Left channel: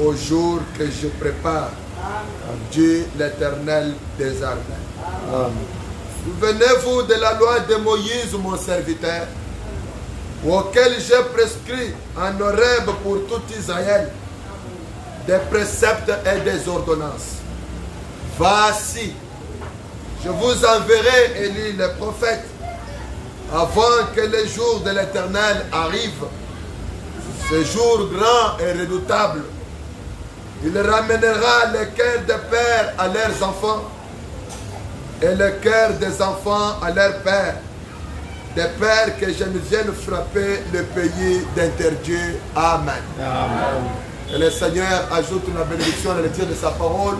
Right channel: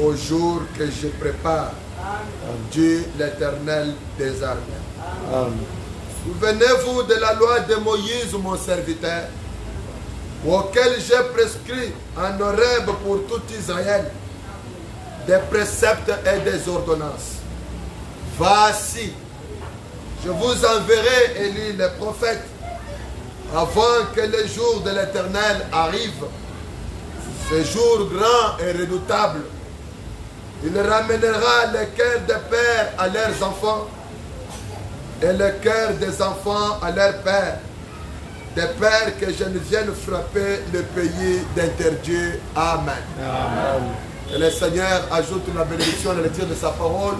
au jour que je prépare, dit l'Éternel des armées. Souvenez-vous de la loi de Moïse, mon serviteur, auquel j'ai prescrit en Horeb pour tout Israël des préceptes et des ordonnances. Voici, je vous enverrai, Élie le prophète, avant que le jour de l'Éternel arrive, ce jour grand et redoutable. Il ramènera le cœur des pères à leurs enfants et le cœur des enfants à leurs pères, des pères que je ne vienne frapper le pays d'interdire. Amen. Amen. Que le Seigneur ajoute la bénédiction à la lecture de sa parole.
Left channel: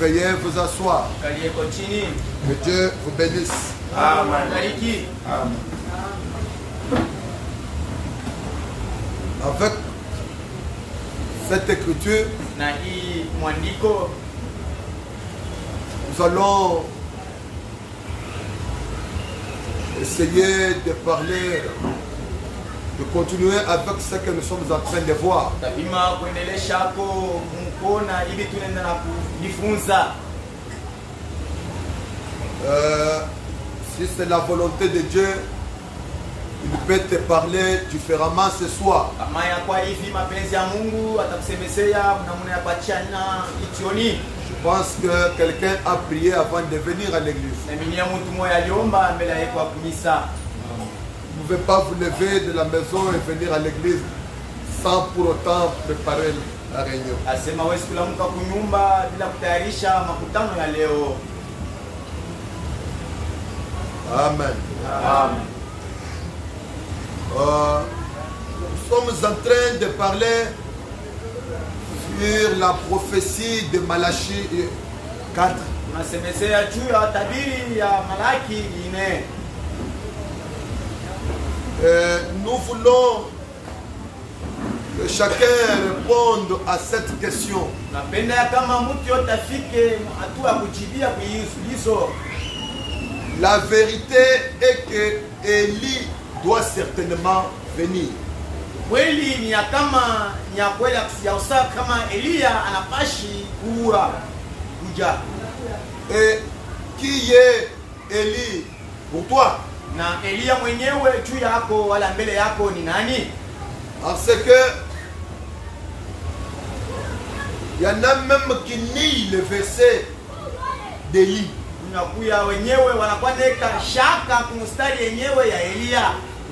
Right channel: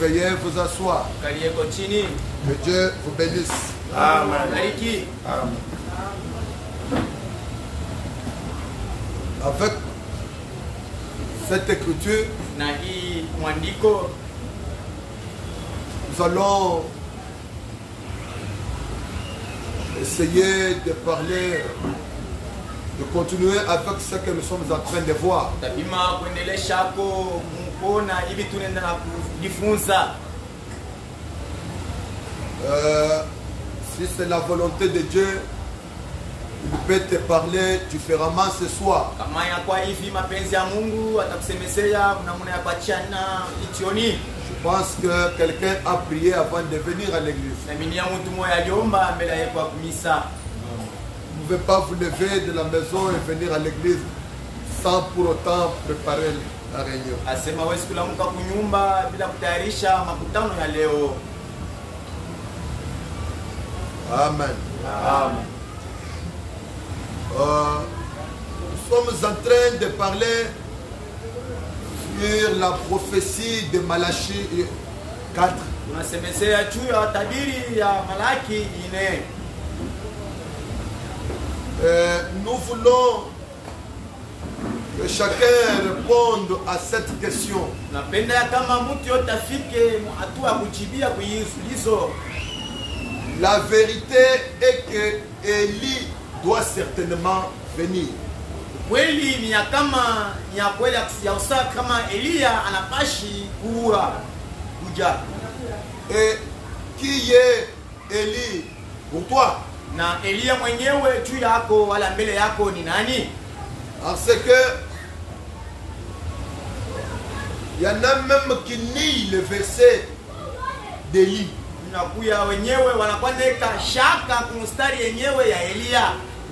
Veuillez vous asseoir. Que Dieu vous bénisse. Amen. Avec cette écriture, nous allons essayer de parler, de continuer avec ce que nous sommes en train de voir. Si c'est la volonté de Dieu, il peut te parler différemment ce soir. Je pense que quelqu'un a prié avant de venir à l'église. Vous ne pouvez pas vous lever de la maison et venir à l'église sans pour autant préparer la réunion. Amen. Amen. Nous sommes en train de parler sur la prophétie de Malachie 4. Nous voulons que chacun réponde à cette question. La vérité est que Élie doit certainement venir. Et qui est Élie pour toi? Parce que il y en a même qui nient le verset d'Élie.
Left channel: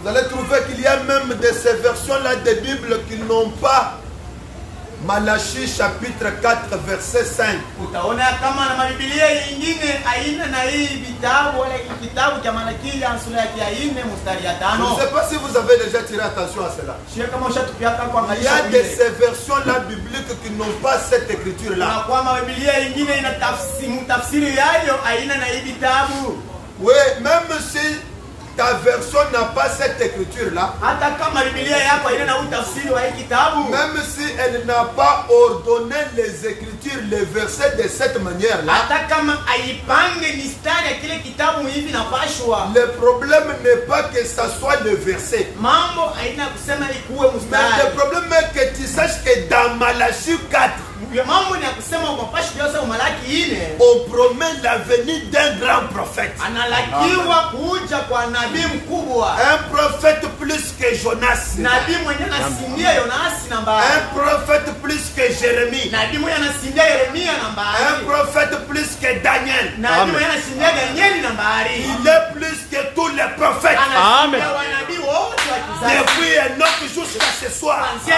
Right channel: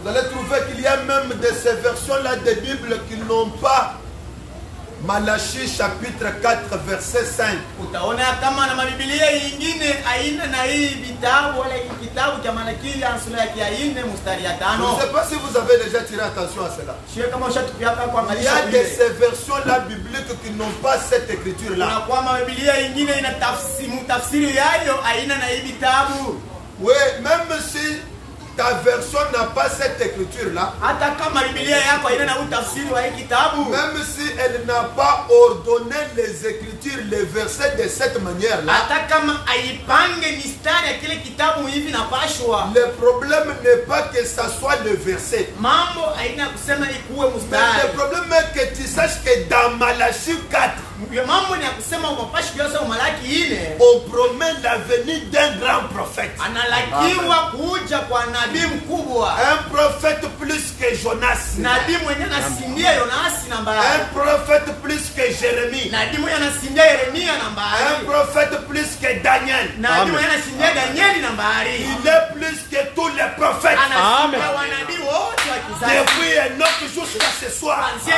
Vous allez trouver qu'il y a même de ces versions-là de Bible qui n'ont pas Malachie chapitre 4 verset 5. Je ne sais pas si vous avez déjà tiré attention à cela. Il y a de ces versions-là bibliques qui n'ont pas cette écriture-là. Oui, même si ta version n'a pas cette écriture-là, même si elle n'a pas ordonné les écritures, les versets de cette manière-là, le problème n'est pas que ça soit le verset. Mais le problème est que tu saches que dans Malachie 4, on promet la venue d'un grand prophète. Un prophète plus que Jonas. Un prophète plus que Jérémie. Un prophète plus que Daniel. Amen. Il est plus que tous les prophètes. Amen. Depuis Enoch jusqu'à ce soir. Si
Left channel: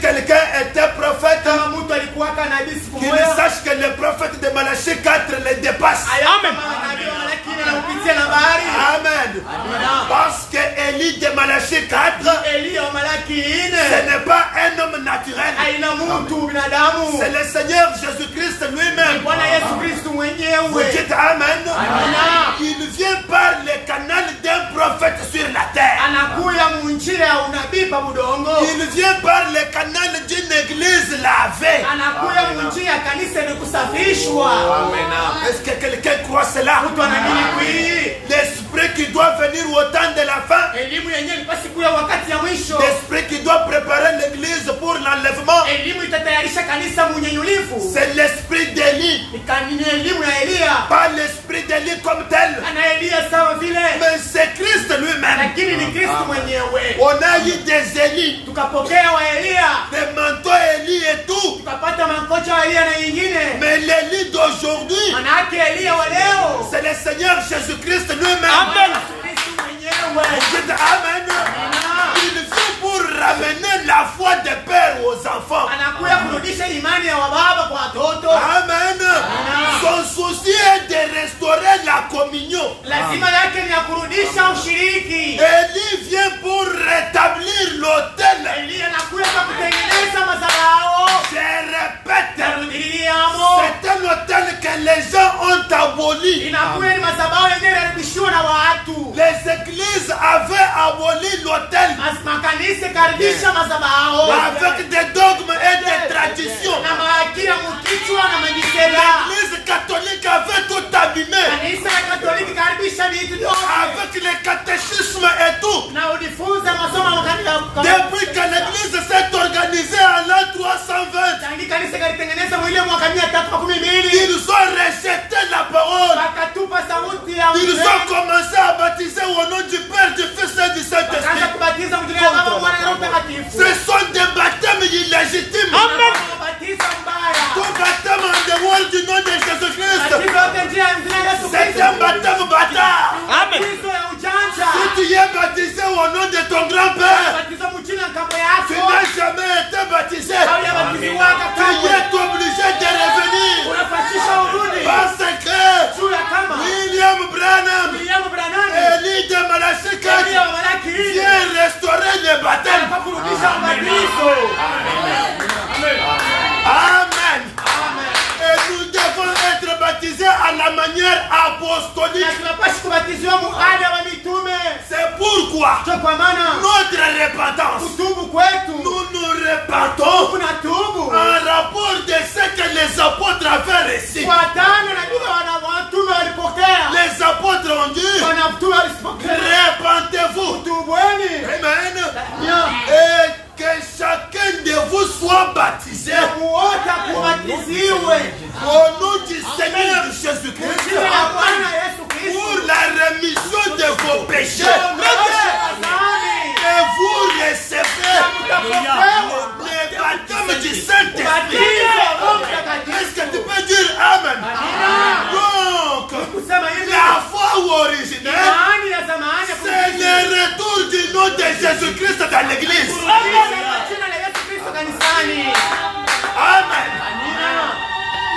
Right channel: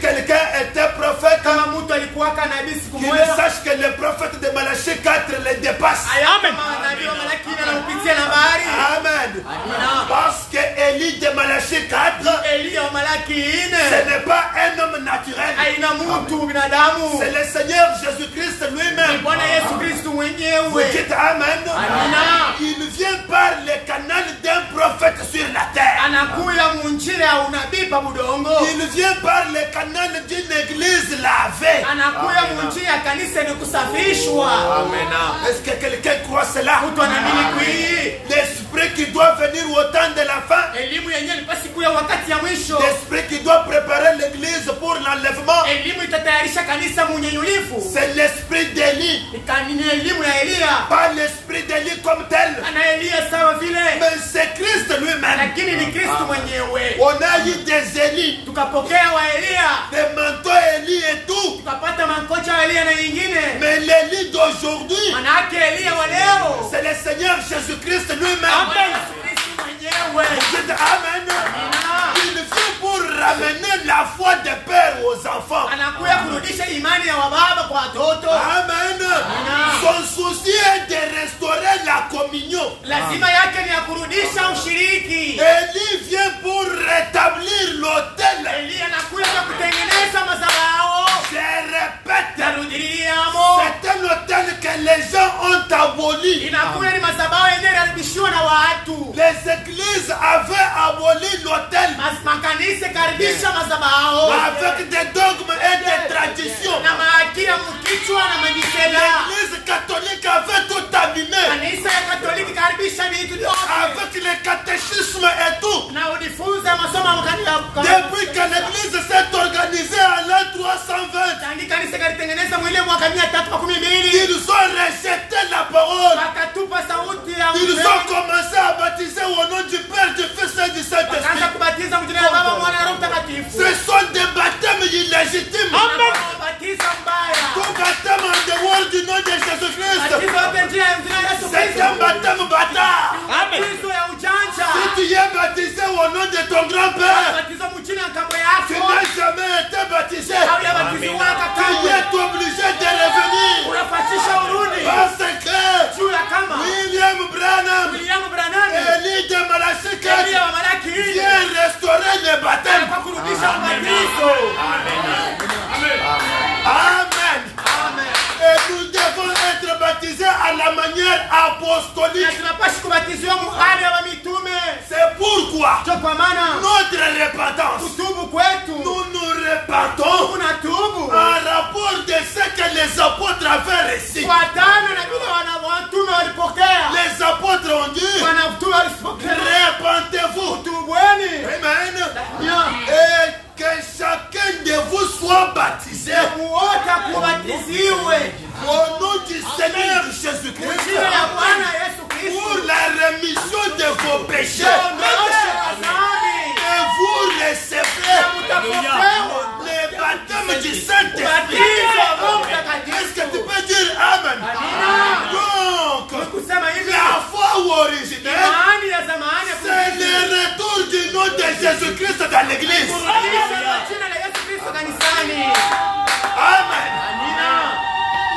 quelqu'un était prophète, qu'il sache que le prophète de Malachie 4 les dépasse. Amen. Amen. Parce que Élie de Malachie 4, ce n'est pas un homme naturel. C'est le Seigneur Jésus-Christ lui-même. Vous dites Amen. Il vient par le canal d'un prophète sur la terre. Il vient par le canal d'une église lavée. Est-ce que quelqu'un croit cela? L'esprit qui doit venir au temps de la fin, l'esprit qui doit préparer l'église pour l'enlèvement, Elimu itatayarisha kanisa munyenyulifu. c'est l'esprit d'Élie. Ni elimu ya Elia. Pas l'esprit d'Élie comme tel, Ana Elia sawa vile. mais c'est Christ lui-même. Lakini ni Kristo mwenyewe. On a eu des Élie, Tukapokea wa Elia. des manteaux Élie et tout. Tukapata mankocha wa Elia na nyingine. Mais l'Élie d'aujourd'hui, Manake Elia wa leo. c'est le Seigneur Jésus-Christ lui-même. Amen. Kristo mwenyewe. Dites Amen. Il vient pour ramener la foi des pères aux enfants. Anakuja kurudisha imani ya wababa kwa watoto. Amen. Son souci est de restaurer la communion. Lazima yake ni ya kurudisha ushiriki. Élie vient pour rétablir l'autel. Elia anakuja kutengeneza madhabahu. Je répète, Narudiliamo. c'est un autel que les gens ont aboli. Inakuwa ni madhabahu yenyewe yarudishiwa na watu. Les églises avaient aboli l'autel Makanisa karibisha madhabahu. avec des dogmes et des traditions. Na maakira mkichwa na majisela. L'église catholique avait tout abîmé Kanisa ya Katoliki karibisha vitu vyote. avec le catéchisme et tout. Na ujifunza masomo ya kanisa. Depuis que l'église s'est organisée en l'an 320, Tangi kanisa kalitengeneza mwili mwaka 312. ils ont rejeté la parole. Wakatupa sauti ya Ils ont commencé à baptiser au nom du Père, du Fils et du Wakaanza Saint-Esprit. kubatiza mjina la Baba, Mwana na Roho Mtakatifu. Ce sont des baptêmes illégitimes. Batiza mbaya. Tout baptême en dehors du nom de Jésus-Christ, Batiza yote njia ya mjina la Yesu c'est Kristo. un baptême bâtard. Batizo ya ujanja. Si tu es baptisé au nom de ton grand-père, Batizo mchina nkambo tu yako. n'as jamais été baptisé. Au ya batizo waka Tu kamwe. es obligé de revenir. Unafashisha urudi. Parce que Juu ya kama. William Branham, William Branham. Élie de Malachika, Elia wa Malaki. vient restaurer le baptême. Kwa kurudisha ubatizo. Amen. Et nous devons être baptisés à la manière Na apostolique. tunapaswa kubatizwa muhali wa mitume. C'est pourquoi Kwa maana notre repentance, kutubu kwetu. nous nous repentons Tunatubu. en rapport de ce que les apôtres avaient reçu. Fuatana na vile watume walipokea. Les apôtres ont dit, Wanatume walipokea. repentez-vous. Tubweni. Amen. Ya. Et que chacun de vous soit baptisé Muota kubatiziwe. au nom du Seigneur Jésus-Christ Jina la Bwana Yesu Kristo. pour la rémission de vos péchés. Tumeosha dhambi. Et vous recevrez Tutapokewa. le baptême du Saint-Esprit. Batizo wa Roho Mtakatifu. Est-ce que tu peux dire Amen? Donc, Kusema hivi. la foi originelle, Imani ya zamani. c'est le retour du nom de Jésus-Christ dans l'église. Kurudisha jina la Yesu Kristo kanisani. Amen.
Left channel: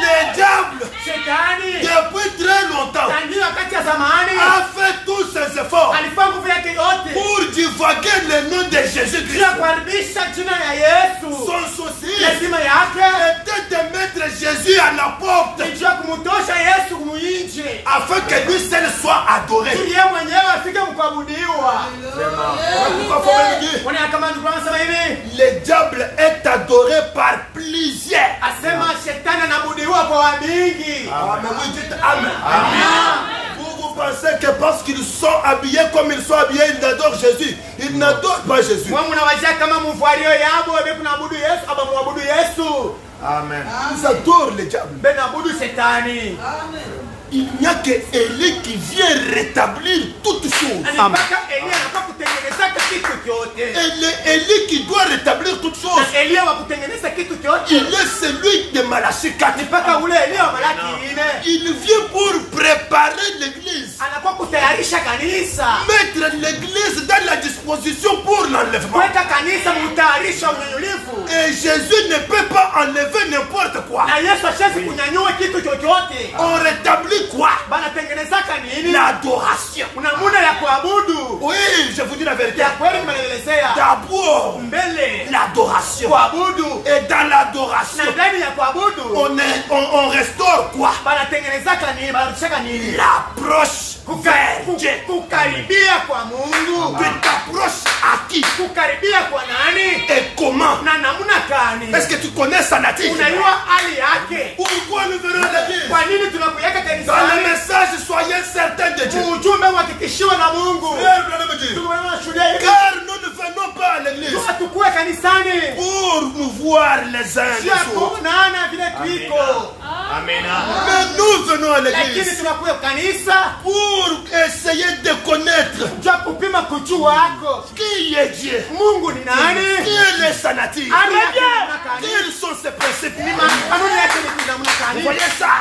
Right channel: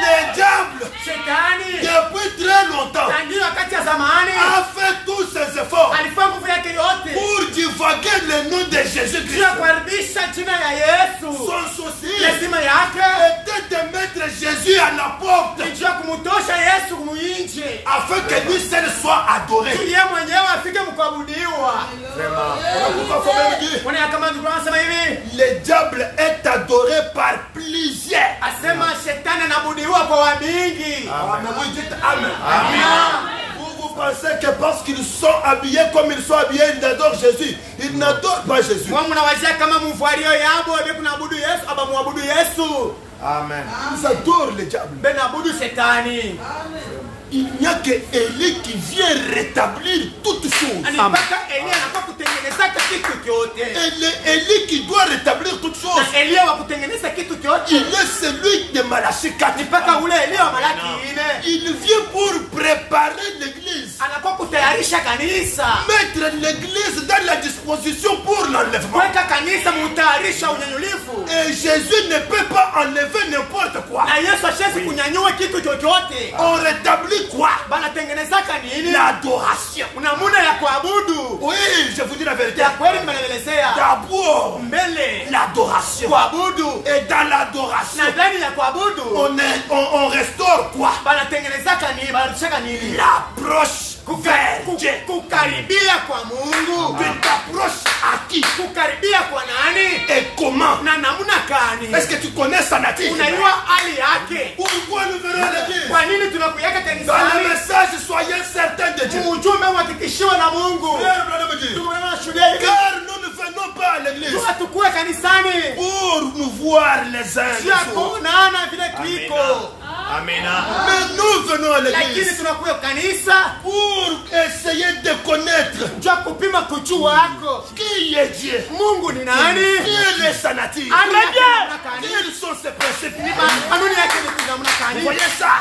Le diable, Shetani. depuis très longtemps, Tangia wakati ya zamani. a fait tous ses efforts Alifanya nguvu yake yote. pour divaguer le nom de Bila Jésus-Christ. kuharibisha jina la Yesu. Son souci Lazima yake. était de mettre Jésus à la porte Nijua kumutosha Yesu kumuyinje. afin que lui seul soit adoré. Ili yeye mwenyewe afike mkuabudiwa. Pourquoi faut même dire? Wana kama ndugu anasema hivi. Le diable est adoré par plusieurs. Asema shetani anabudiwa kwa wamingi. Amen. Oui, dites Amen. Vous pensez que parce qu'ils sont habillés comme ils sont habillés, ils adorent Jésus. Ils n'adorent pas Jésus. Mwa mnawazia kama mvalio yabo ebe kunabudu Yesu aba muabudu Yesu. Amen. Ils adorent le diable. Ben abudu shetani. Il n'y a que Élie qui vient rétablir toutes choses. Anataka Elia anataka kutengeneza kitu kyote. Élie qui doit rétablir toutes choses. Elia wa kutengeneza kitu kyote. Il est celui de Malachie 4. Mpaka ule Elia wa Malaki ile. Il vient pour préparer l'église. Anakuwa kutayarisha kanisa. Mettre l'église dans la disposition pour l'enlèvement. Kuweka kanisa mutayarisha unyanyulifu. Et Jésus ne peut pas enlever n'importe quoi. Na Yesu ashezi kunyanyua kitu chochote. On rétablit quoi? Banatengenezaka nini? L'adoration. Kuna muda ya kuabudu. Oui, je vous dis la vérité. Ya kweli nimeelezea. D'abord, Mbele l'adoration. kuabudu. Et dans l'adoration, Na ndani ya kuabudu on restaure quoi? banatengenezaka nini? Banarudishaka nini? L'approche vers Dieu. Kukaribia kwa Mungu. Tu t'approches à qui? Kukaribia kwa nani? Et comment? Na namna gani? Est-ce que tu connais sa nature? Unajua hali yake. Pourquoi nous venons à l'église? Kwa nini tunakuyaka Dans le kanisani? message, soyez certains de Dieu. Ujumbe uhakikishiwe na Mungu. Frère, bien-aimé Dieu. Tuko na shule hivi. Car nous ne venons pas quoi à l'église? Tukue kanisani. Pour nous voir les uns les Sio autres. kuonana vile tuiko. Amen. Mais nous venons à Lakini l'église tunakuja kanisa pour essayer de connaître ja kupima kujua wako. qui est Dieu. Mungu ni nani? Quelle est sa nature? Très bien. Quels sont ses principes? Kanuni yake ni kuzamuna Vous kanisa. voyez ça?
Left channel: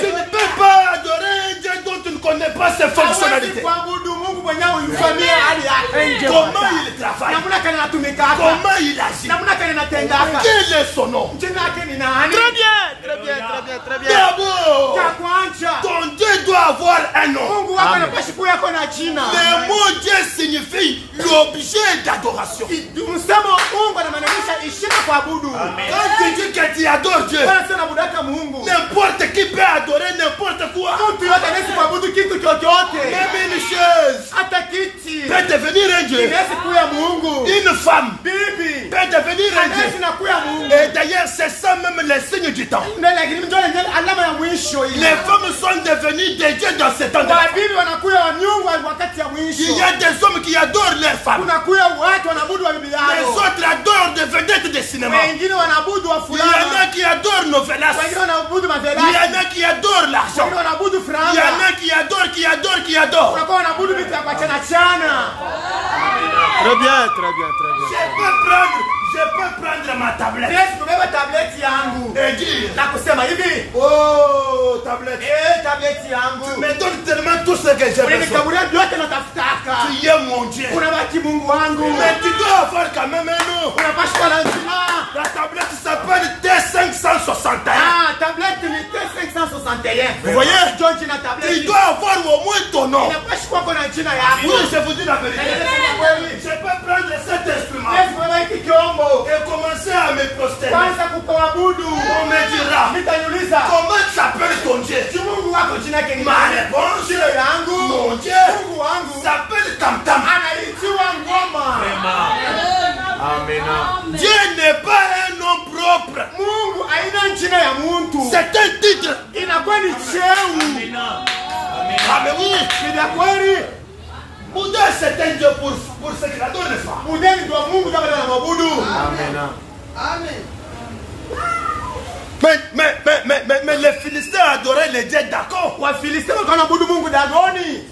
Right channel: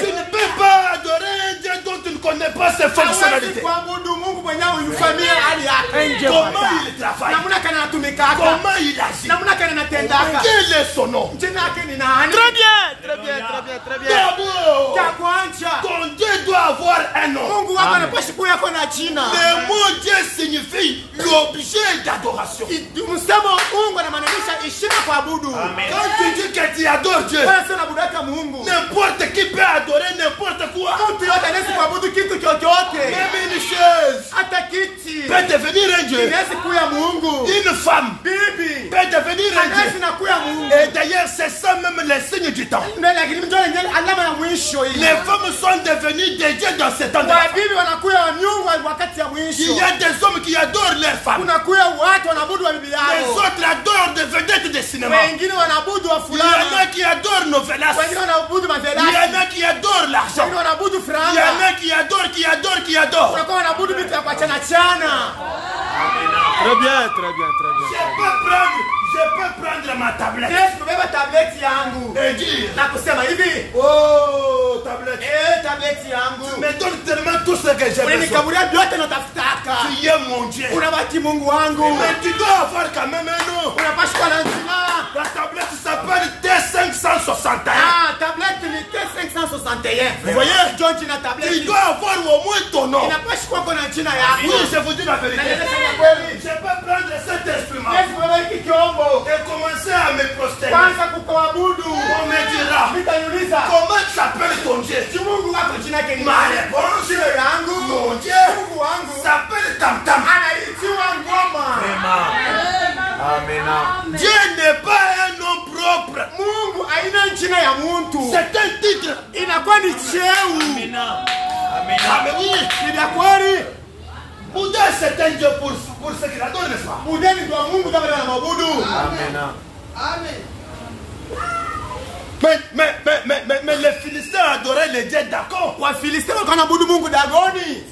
Tu ne peux pas adorer un Dieu dont tu ne connais pas ses fonctionnalités. Kuabudu Mungu mwenyewe unifamia hali yake. Comment il travaille? Namna kana anatumika. Comment il agit? Namna kana anatendaka. Quel est son nom? Jina yake ni nani? Très bien, très bien, très bien, très bien. D'abord, Cha kwanza. ton Dieu doit avoir un nom. Mungu wako anapashi kuwa yako na jina. Le mot Dieu signifie l'objet d'adoration. Msemo Mungu anamaanisha heshima kuabudu. Quand tu dis que tu adores Dieu, Bwana sio nabudaka Mungu. n'importe qui peut adorer n'importe quoi. Mtu yote anaweza kuabudu kitu chochote. Même une chaise Hata kiti. peut devenir un Dieu. Inaweza kuwa Mungu. Une femme Bibi. peut devenir un Anaweza Dieu. na kuwa Mungu. Et d'ailleurs, c'est ça même les signes du temps. Ndio lakini mtu anaye alama ya mwisho ile. Les femmes sont devenues des dieux dans ce temps de la femme. Wabibi wanakuwa wanyungu wakati ya mwisho. Il y a des hommes qui adorent leurs femmes. Kunakuwa watu wanaabudu wa bibi Les yao. autres adorent des vedettes de cinéma. Wengine wanaabudu wa Il y en fulani. a qui adorent Novelas. Wengine wanaabudu Il y mazelani. en a qui adorent l'argent. Wengine wanaabudu Il y en franga. a qui adorent, qui adorent. Wanakuwa wanaabudu vitu ya kuachana chana. Très bien, très bien, très bien. Je peux prendre ma tablette Yesu kubeba tableti yangu. et dire, Na kusema hivi. oh tablette, Tableti yangu. tu me donnes tellement tout ce que j'ai besoin. Unanikabulia vyote natafutaka. Tu es mon Dieu. Unabaki Mungu wangu. Mais tu dois avoir quand même un nom. Unapaswa kuwa na jina. Ta tablette s'appelle T561. Tableti ni T561. Vous voyez? George na Tu tableti. dois avoir au moins ton nom. Inapaswa kuwa kuna jina yako. Oui, je vous dis la vérité. Je peux prendre cet instrument Yesu kubeba hiki chombo. et commencer à me prosterner. Kwanza kukawabudu. On me dira, Nitaniuliza. comment s'appelle ton Dieu? Si Mungu wako jina yake ni Ma nani? réponse, Jina yangu. mon Dieu, Mungu wangu. s'appelle Tam Tam. Anaitiwa ngoma. Amen. Dieu n'est pas un nom propre. Mungu haina jina ya muntu. C'est un titre. Inakuwa ni cheu. Ah mais oui, Ni ya kweli. Bouddha c'est un Dieu pour ce qu'il adore, n'est-ce pas? Budeni ndio Mungu kama wanamwabudu. Mais les Philistins adoraient les dieux d'accord. Wafilisti wanaabudu Mungu Dagoni.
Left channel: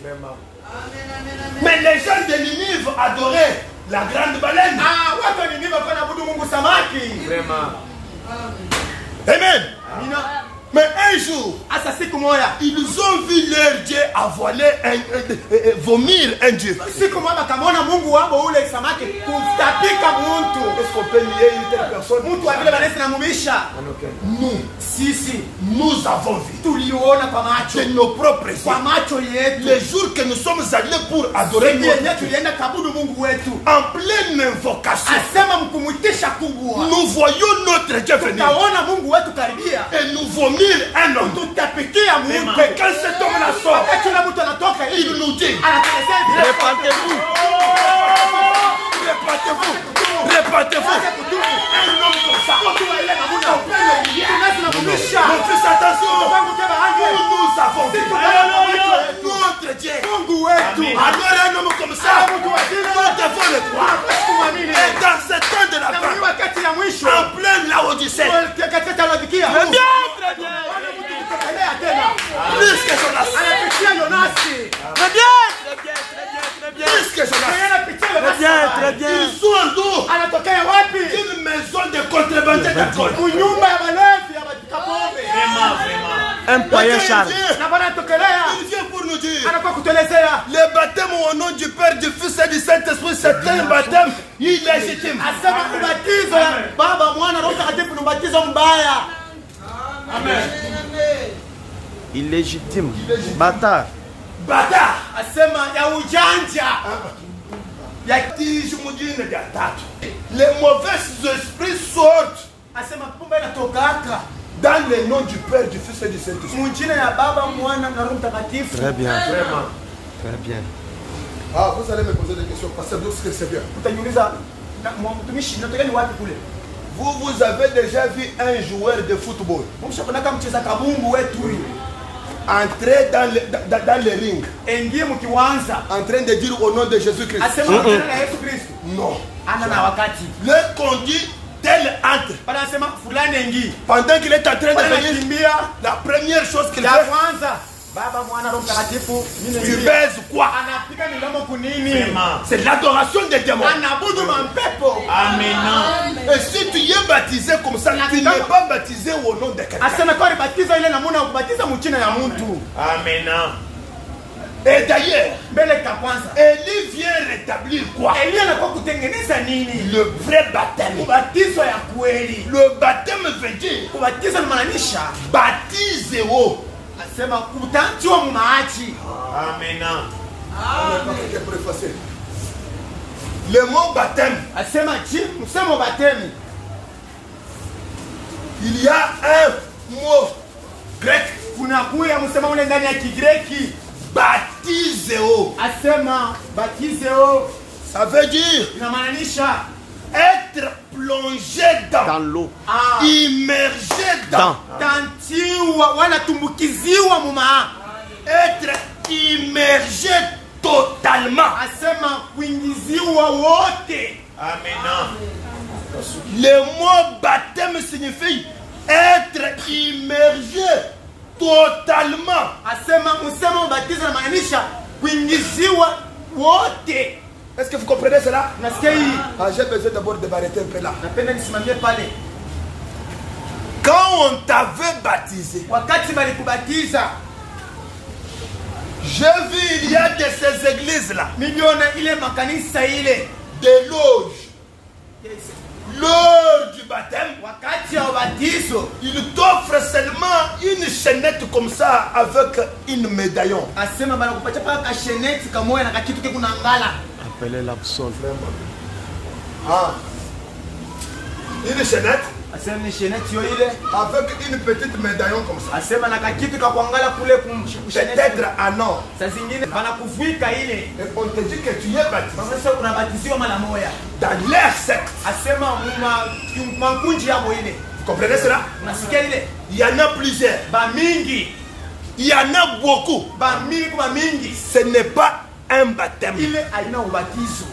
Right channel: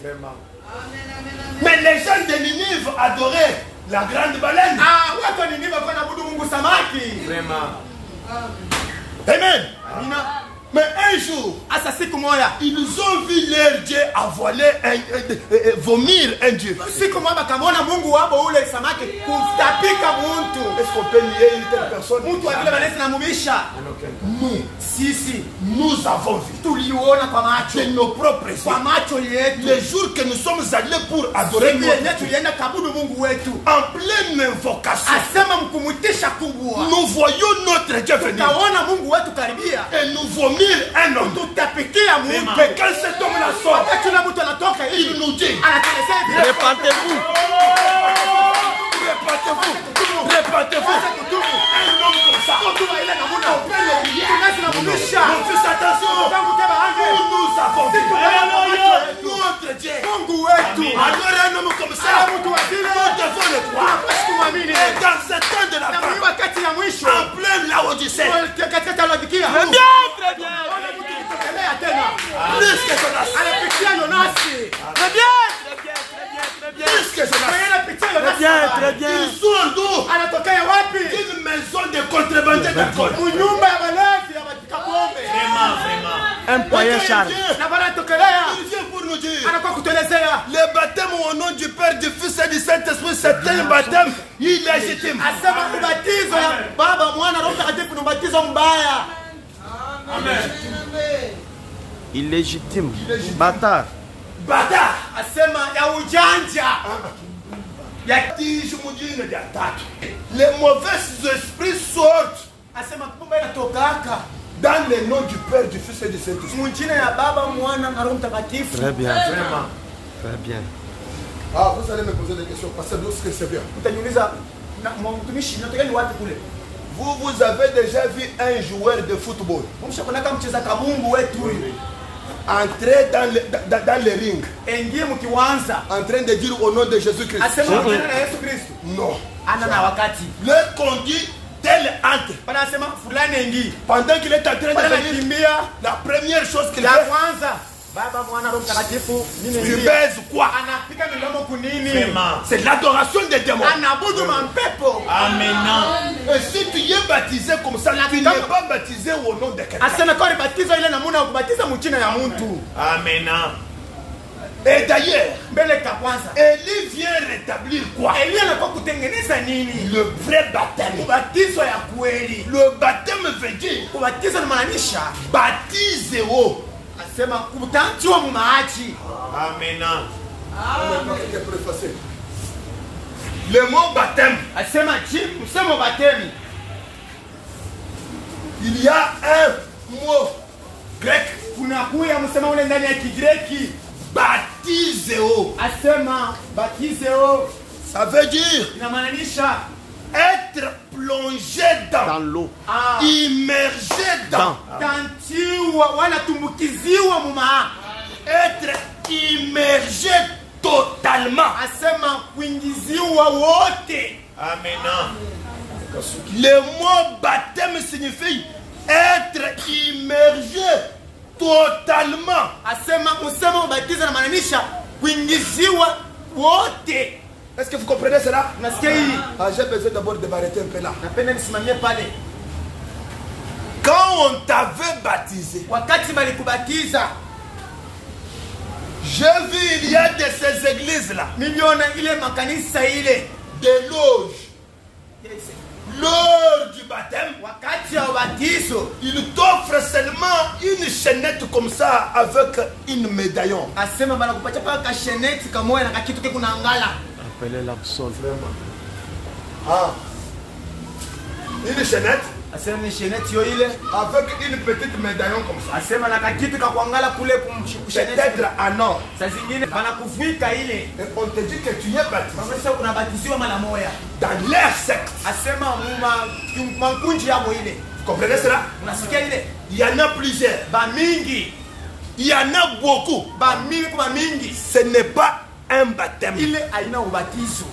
Mais les gens de Ninive adoraient la grande baleine. Watu wa Ninive wanaabudu Mungu samaki. Amen. Amina. Mais un jour, Asa siku moja. ils ont vu leur Dieu avaler vomir un Dieu. Siku moja bakamwona Mungu wabo ule samaki kutapika muntu. Est-ce qu'on peut lier une telle personne? Mtu wa vile manesi namumisha. Nous, Sisi nous avons vu tuliona kwa macho. de nos propres yeux. Kwa macho yetu. Les jours que nous sommes allés pour adorer Siku notre yenyewe Dieu, tulienda kabudu Mungu wetu. en pleine invocation, Asema mkumuitisha kubwa. nous voyons notre Dieu venir Tutaona Mungu wetu karibia. et nous vomir un homme. Tutapikia Mungu. Mais quand cet homme-là sort, Wakati ule mtu anatoka il hivi. nous dit, Anatelezea hivi. Répandez-vous. répandez-vous. Un homme comme ça, on peut aller dans mon Tunamumisha. Mon fils, attention, Mungu teba hangi. nous avons vu notre Dieu. Mungu wetu. Alors un homme comme ça, Mtu wa vile. nous devons le croire. Tumwamini. Et dans ce temps de la Na fin, wakati ya mwisho. en pleine Laodicée, Katika Laodikia. Très bien, très bien. Tunaendelea tena. plus que Jonas, Anapitia Yonasi. Très bien, très bien, très bien, très bien. plus que Jonas, Anapitia Très Yonasi. bien, très bien. il sort d'où? Anatokea wapi? Une maison de contrebandiers d'alcool. Kunyumba ya walevi ya matukapombe. Un poyen Charles. Na wanatokelea. Il vient pour nous dire, Anakuwa kutelezea. le baptême au nom du Père, du Fils et du Saint-Esprit, c'est un baptême illégitime. Asema ubatizo ya Baba, Mwana, Roho Mtakatifu ni ubatizo mbaya. Illégitime. Bâtard. Bâtard. Asema ya ujanja. Les mauvais esprits sortent Asema kumbe inatokaka. dans le nom du Père, du Fils et du Saint-Esprit. Mjina ya Baba, Mwana na Roho Mtakatifu. Très bien. Vraiment. Très bien. Ah, vous allez me poser des questions, parce que c'est bien. Utaniuliza mtumishi natokea ni wapi kule? Vous avez déjà vu un joueur de football Mshakonaka mcheza kabumbu wetu huyu. entrer dans le ring Engie mkiwanza. en train de dire au nom de Jésus-Christ? Asema jina la Yesu Kristo. Non. Ana wakati. Le conduit tel entre. Panasema fulani ingi. Pendant qu'il est en train de venir, Kimbia. la première chose qu'il La fait, kwanza. Baba mwana Roho Mtakatifu. tu baises quoi? Anapika milomo kunini? C'est l'adoration des démons. Anabudu mampepo. Amen. Et si tu es baptisé comme ça, tu n'es pas baptisé au nom de quelqu'un. Asema kwa batiza ile namuna kubatiza mchina ya mtu. Amen. Et d'ailleurs, Mbele ka kwanza. Élie vient rétablir quoi? Elia anakuwa kutengeneza nini? Le vrai baptême. Ubatizo ya kweli. Le baptême veut dire Kubatiza inamaanisha baptisez-vous. asema kutantiwa mumaachi. Amen. Le mot baptême, Asema msemo batemi. il y a un mot grec, Kuna kuya msemo ule ndani ya Kigreki. baptisez-vous. Asema batizeo Ça veut dire inamaanisha être plongé Dans dans, l'eau. immergé dans, tantiwa wala tumbukiziwa mumaa. être immergé totalement. Asema kuingiziwa wote. Amen. Le mot baptême signifie être immergé totalement. Asema msemo batizo inamaanisha kuingiziwa wote. Est-ce que vous comprenez cela? Unasikia hii? Ah, j'ai besoin d'abord de m'arrêter un peu là. Napenda nisimamie pale. Quand on t'avait baptisé, Wakati balikubatiza, j'ai vu il y a de ces églises là, miliona ile makanisa ile. des loges. Lors du baptême, Wakati ya ubatizo, il t'offre seulement une chaînette comme ça avec une médaillon. asema banakupatia paka kasheneti kamoya na kakitu ke kuna ngala. Appelez l'absol. Ah. Une chaînette Asema ni sheneti yo ile. avec une petite médaillon comme ça. Asema na kakitu ka kuangala kule kumsheneti. Peut-être en or. Saa zingine banakuvuika ile. Et on te dit que tu es baptisé Mamesha unabatiziwa mara moja. dans leur secte. Asema mankunji yabo ile. Vous comprenez cela? Unasikia ile? Il y en a plusieurs. Ba mingi. Il y en a beaucoup. Ba mingi kwa mingi. Ce n'est pas un baptême. Ile aina ubatizo.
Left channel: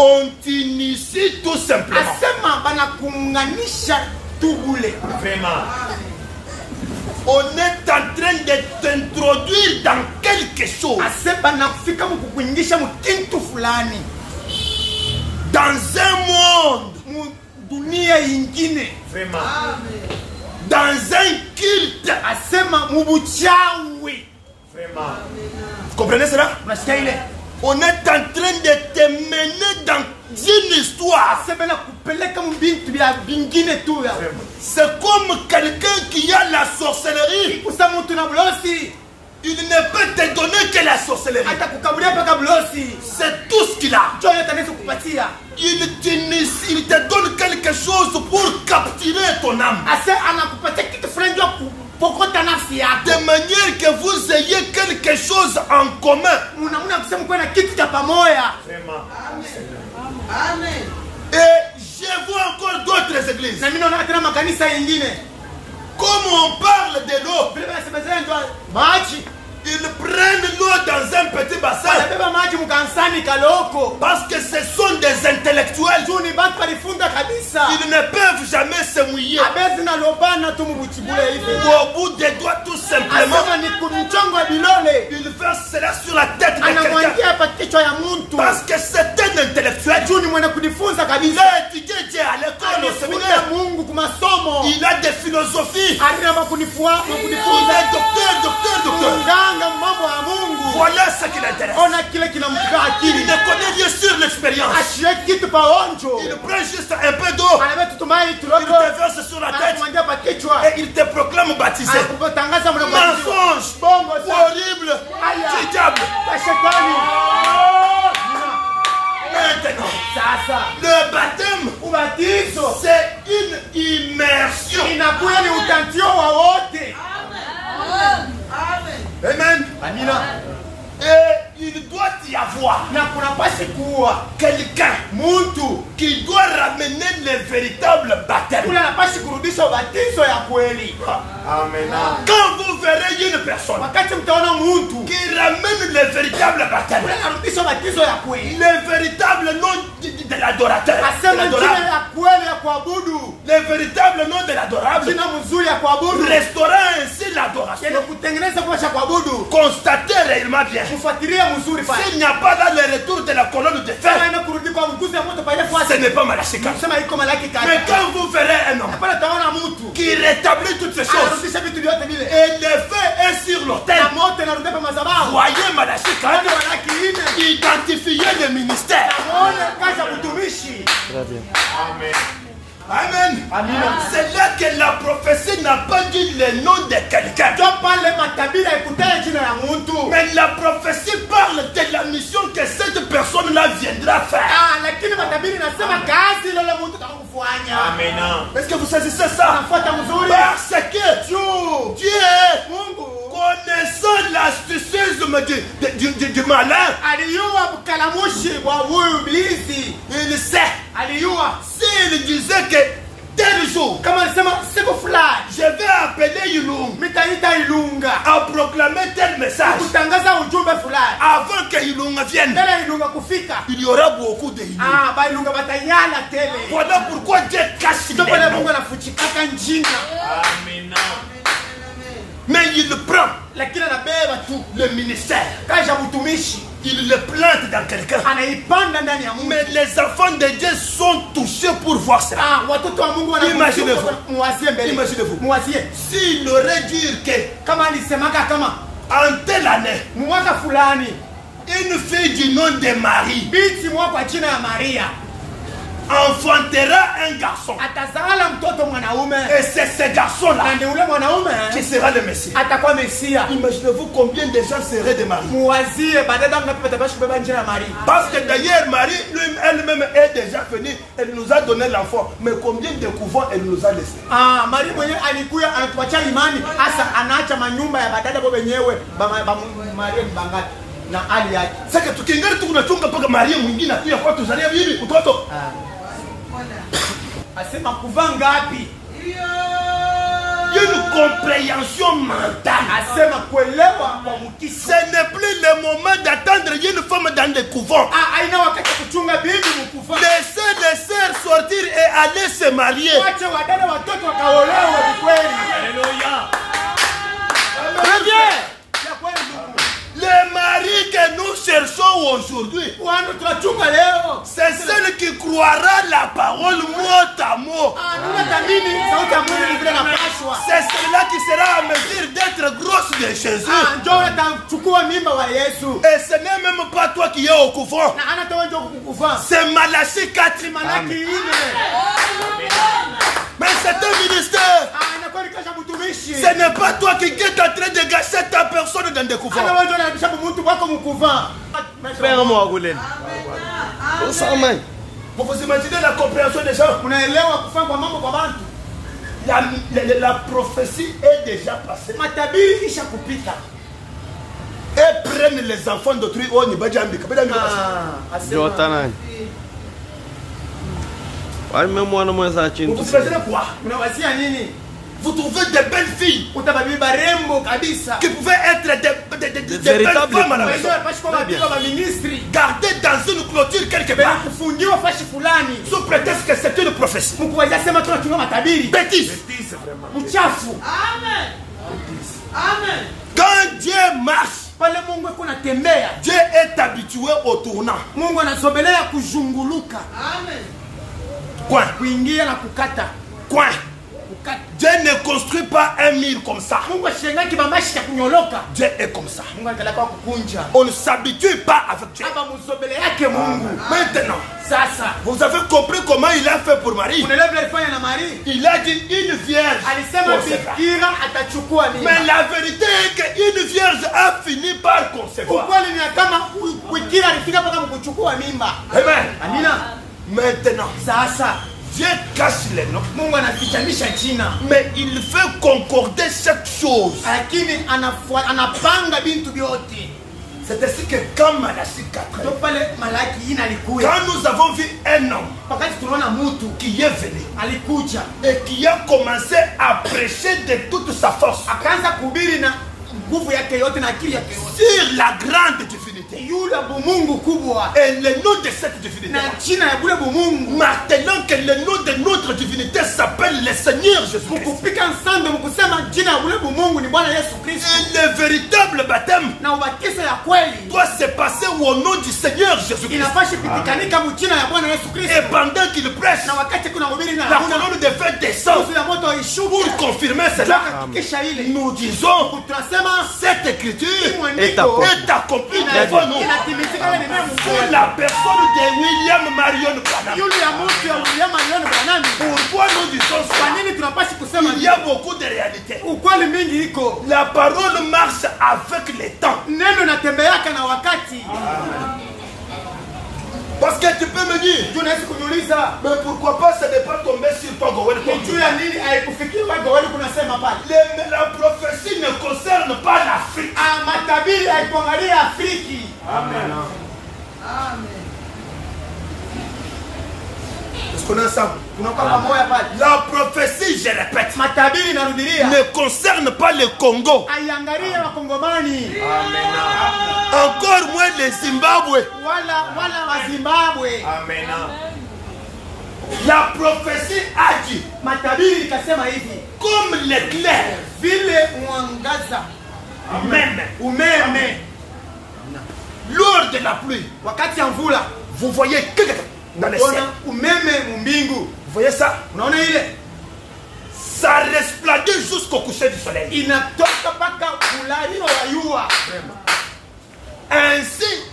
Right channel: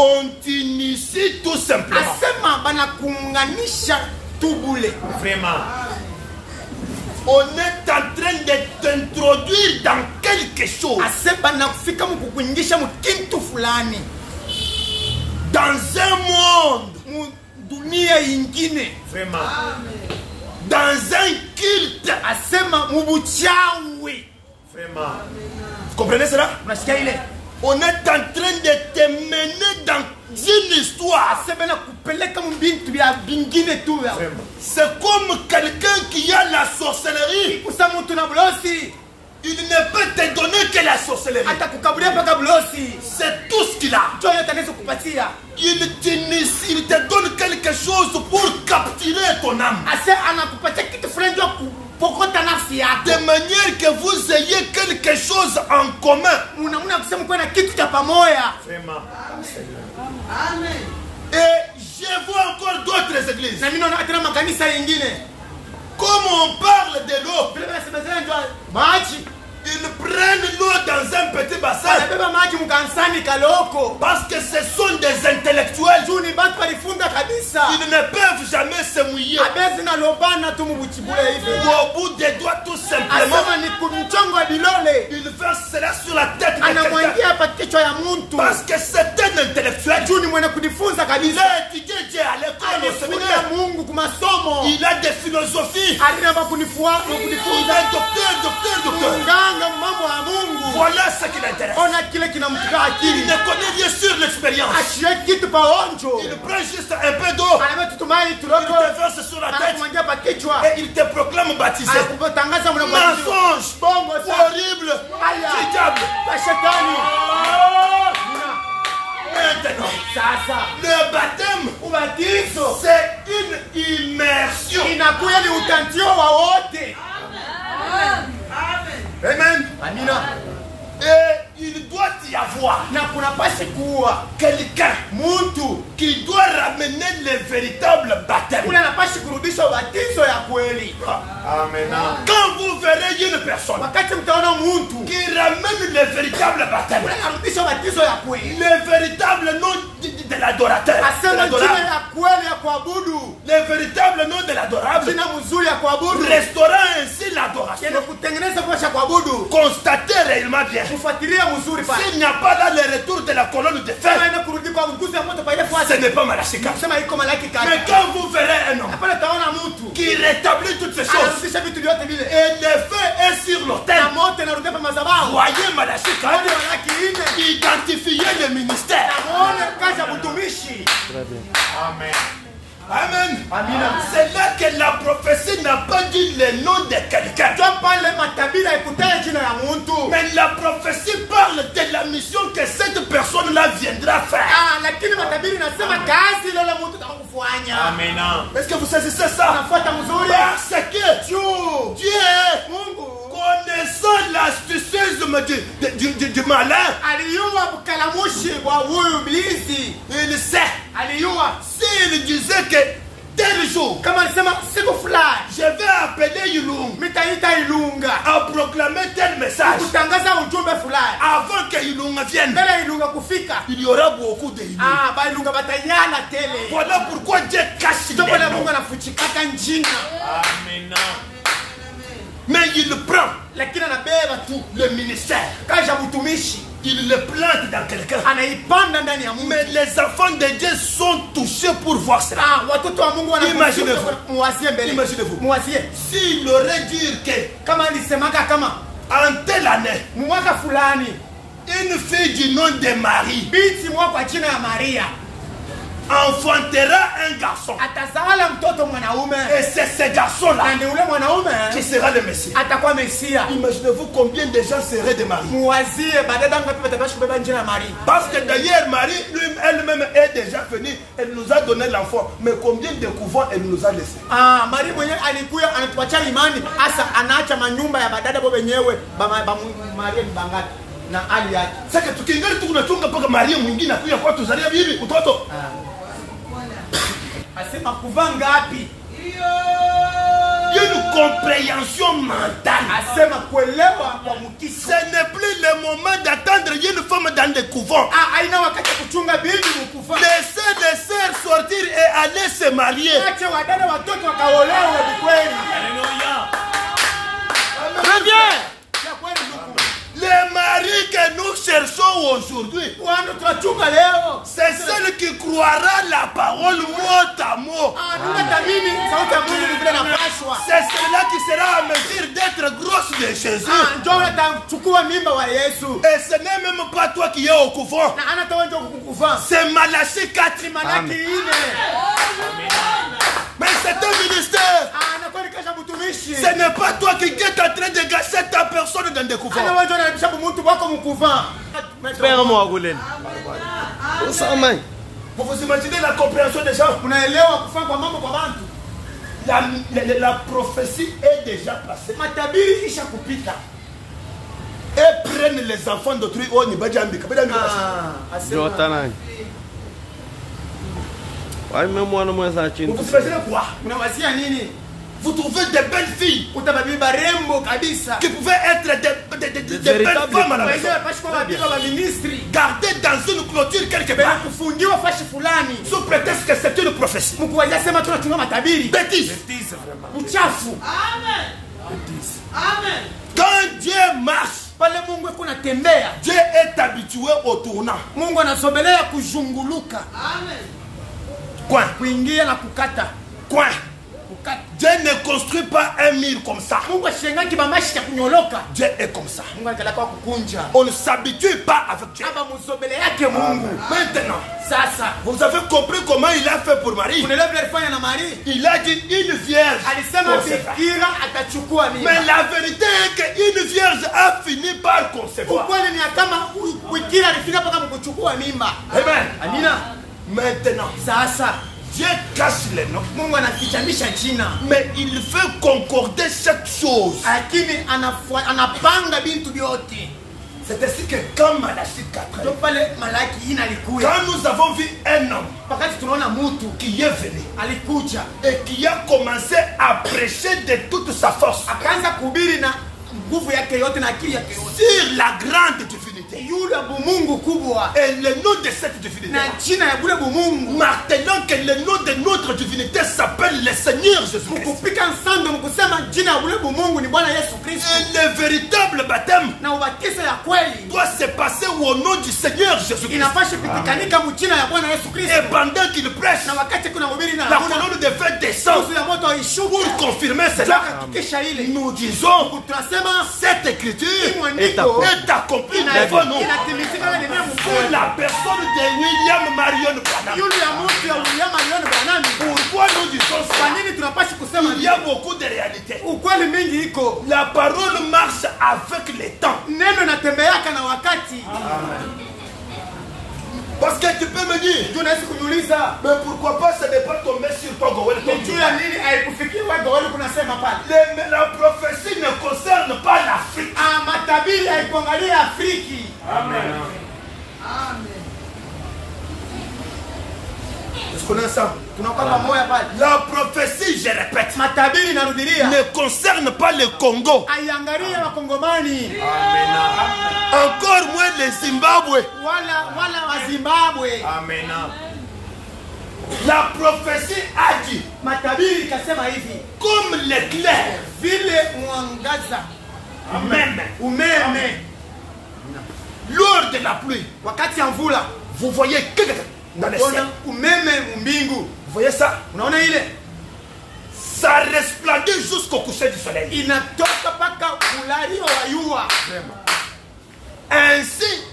On t'initie tout simplement. Asema banakuunganisha tubule. Vraiment. On est en train de t'introduire dans quelque chose. Asema banakufika mkukuingisha mkintu fulani. Dans un monde. Mu dunia ingine. Vraiment. Dans un culte. Asema mubuchawi. Vraiment. Vous comprenez cela? Unasikia ile? On est en train de te mener dans une histoire. Asema nakupeleka mbintu ya bingine tu ya. C'est comme quelqu'un qui a la sorcellerie. Kusa mtu na blosi. Il ne peut te donner que la sorcellerie. Hata kukabulia paka blosi. C'est tout ce qu'il a. Joya tanaweza kupatia. Il te donne quelque chose pour capturer ton âme. Ase anakupatia kitu fulani ndio kupokota nafsi yako. De manière que vous ayez quelque chose en commun. Unamuna kusema kwa na kitu cha pamoja. Vraiment. Amen. Et je vois encore d'autres églises. Na mimi naona tena makanisa yengine. Comme on parle de l'eau, Vile banasemezana ndio maji. ils prennent l'eau dans un petit bassin. Anabeba maji mkansani kaloko. Parce que ce sont des intellectuels. Juni batu balifunda kabisa. Ils ne peuvent jamais se mouiller. Abezi na lobana tu mubuchibule hivi. Au bout des doigts, tout simplement, Asema ni kumchongo bilole. il verse cela sur la tête de quelqu'un. Anamwangia hapa kichwa ya mtu. Parce que c'est un intellectuel. Juni mwenye kujifunza Il kabisa. a étudié Dieu à l'école, au Alifunia séminaire. Mungu kumasomo. Il a des philosophies. Alina makunifua Il kujifunza. est docteur. Mganga mambo ya Mungu. Voilà ce qui l'intéresse. Ona kile kinamtuka Il akili. ne connaît rien sur l'expérience. Ashie kitu paonjo. Il prend juste un peu d'eau. Anabeba tutumai Il tuloko. te verse sur la tête. Anakumwangia pa kichwa. Et il te proclame baptisé. Anakutangaza mwana Mensonge. Bongo sana. Horrible. Aya. Du diable. Kwa shetani. Maintenant, Sasa. le baptême, Ubatizo. c'est une immersion. Inakuya ni utantio wa wote. Amen. Amina. Et il doit y avoir na kunapaswa kuwa quelqu'un mtu qui doit ramener le véritable baptême. ule anapaswa kurudisha ubatizo ya kweli. Amen. Quand vous verrez une personne Wakati mtaona mtu qui ramène le véritable baptême, ule anarudisha ubatizo ya kweli, le véritable nom de l'adorateur, asema jina ya kweli ya kuabudu, le véritable nom de l'adorable, jina mzuri ya kuabudu, restaurant ainsi l'adoration, ile kutengeneza kwa kuabudu, constatez réellement bien. kufuatilia mzuri pale. S'il n'y a pas dans le retour de la colonne de fer, Ina kurudi kwa nguzo ya moto pale kwa ce n'est pas Malachika. sema iko malaki kati. Mais quand vous verrez un homme Hapana taona mtu qui rétablit toutes ces choses anarudisha vitu vyote vile. et le feu est sur l'autel, Na moto inarudi kwa madhabahu. voyez Malachika, Wale malaki ine. identifiez le ministère. Naone kazi ya kutumishi. Très bien. Amen. Amina. C'est là que la prophétie n'a pas dit le nom de quelqu'un. Ndio pale matabira ikutaja jina la mtu. Mais la prophétie parle de la mission que cette personne-là viendra faire. Lakini matabiri nasema kazi ile mtu atakufanya. Amen. Est-ce que vous saisissez ça? Anafuata mzuri. Parce que Dieu, Mungu connaissant l'astucieusme du malin, aliyua mkalamushi wa huyu ibilisi. il sait. Aliyua S'il disait que tel jour, kama alisema siku fulani je vais appeler Yulung mitaita Ilunga à proclamer tel message, kutangaza ujumbe fulani, avant que Yulung vienne, mbele Ilunga kufika, il y aura beaucoup de Yulung. ba Ilunga batanyala tele. Voilà pourquoi Dieu cache Ndio les pale noms. Mungu anafuchikaka njina. Mais il prend Lakini anabeba tu le ministère, kazi ya mtumishi, il le plante dans quelqu'un. anaipanda ndani ya Mungu. Mais les enfants de Dieu sont touchés pour voir cela. Watoto wa Mungu wana Imaginez-vous. muwazie mbele. Imaginez-vous. Muwazie. S'il aurait dit que Kama alisemaka kama en telle année, mwaka fulani une fille du nom de Marie binti mwaka kwa jina ya Maria enfantera un garçon, atazala mtoto mwanaume, et c'est ce garçon-là na ndio ule mwanaume qui sera le Messie. atakuwa Mesia. Imaginez-vous combien de gens seraient de Marie. Muwazie baadaye ngapi watabashi kubeba jina la Maria. Parce que d'ailleurs, Marie elle-même est déjà venue. Elle nous a donné l'enfant. Mais combien de couvents elle nous a laissé? Maria mwenyewe alikuya anatuachia imani, hasa anaacha manyumba ya badada bo wenyewe Maria ni bangapi na hali yake. Sasa tukiingia tunachunga mpaka Maria mwingine akuya kwa tuzalia bibi mtoto. Asema kuvaa ngapi? Il y a une compréhension mentale. Asema kuelewa kwa mkisi. Ce n'est plus le moment d'attendre une femme dans le couvent. Haina wakati kuchunga bibi mkufa. Laissez les sœurs sortir et aller se marier. Acha wadada watoto wakaolewe kweli. Alléluia. Très bien. Les maris que nous cherchons aujourd'hui, c'est celle qui croira la parole mot à mot. C'est celle-là qui sera en mesure d'être grosse de Jésus. Et ce n'est même pas toi qui es au couvent. C'est Malachie 4. Mais c'est un ministère. Ce n'est pas toi qui es en train de gâcher ta personne dans des couvents. Frère Mouagoulène. Vous vous imaginez la compréhension des gens? La prophétie est déjà passée. Et prennent les enfants d'autrui. Oh, ni bajambi. Jotanay. Ouais, même moi, non, moi, ça, vous vous imaginez quoi? Vous trouvez des belles filles qui pouvaient être des belles femmes à la maison, gardées dans une clôture quelque part, sous prétexte que c'est une prophétie. Bêtise. Amen. Quand Dieu marche, Dieu est habitué au tournant. Quoi? Quoi? Dieu ne construit pas un mur comme ça. Dieu est comme ça. On ne s'habitue pas avec Dieu. Maintenant, vous avez compris comment il a fait pour Marie. Il a dit une vierge. Mais la vérité est qu'une vierge a fini par concevoir. Amen. Maintenant, Dieu cache les noms. Mais il fait concorder chaque chose. C'est ainsi que quand Malachie 4, Ndio pale Malaki inalikuja. quand nous avons vu un homme Wakati tunaona mtu qui est venu alikuja et qui a commencé à prêcher de toute sa force akaanza kuhubiri na nguvu yake yote na akili yake yote sur la grande divinité yule Mungu kubwa et le nom de cette divinité, na jina ya bure Mungu, martelant que le nom de notre divinité s'appelle le Seigneur Jésus-Christ. mkupika nsando mkusema jina ya bure Mungu ni Bwana Yesu Kristo, Et le véritable baptême na ubatizo ya kweli doit se passer au nom du Seigneur Jésus-Christ. inafaa kupikanika mjina ya Bwana Yesu Kristo. Et pendant qu'il prêche, Na wakati kuna hubiri na la colonne de feu descend ya moto ishuka pour confirmer cela. kisha ile Nous disons, tunasema cette écriture est accomplie. est accomplie devant nous. inatimizika ile neno Pour Mungu. la personne de William Marion Branham. Yule ya mtu ya William aliona Branham. Pourquoi nous disons Kwa ça? nini tunapaswa kusema Il y a beaucoup de réalités. ukweli mingi iko? La parole marche avec le temps. Neno natembeaka na wakati. Parce que tu peux me dire, Tunaweza kuniuliza mais pourquoi pas ça n'est pas tombé sur toi, Gowel, comme ni tu juu ya dis. nini haikufikia wewe wale kunasema pale? La prophétie ne concerne pas l'Afrique. Ah, matabiri haikuangalia Afriki. Est-ce qu'on est ensemble? Tunakuwa pamoja pale. La prophétie, je répète, Matabiri narudilia. ne concerne pas le Congo. Aiangalie wakongomani Encore moins le Zimbabwe. wala wa Zimbabwe. La prophétie a dit, Matabiri ikasema hivi, comme l'éclair, vile mwangaza même umeme lors de la pluie, wakati ya mvula, vous voyez que dans le ciel. unaona umeme mbingu. Vous voyez ça? Unaona ile Ça resplendit jusqu'au coucher du soleil. inatoka mpaka kulalio wa yua. Ainsi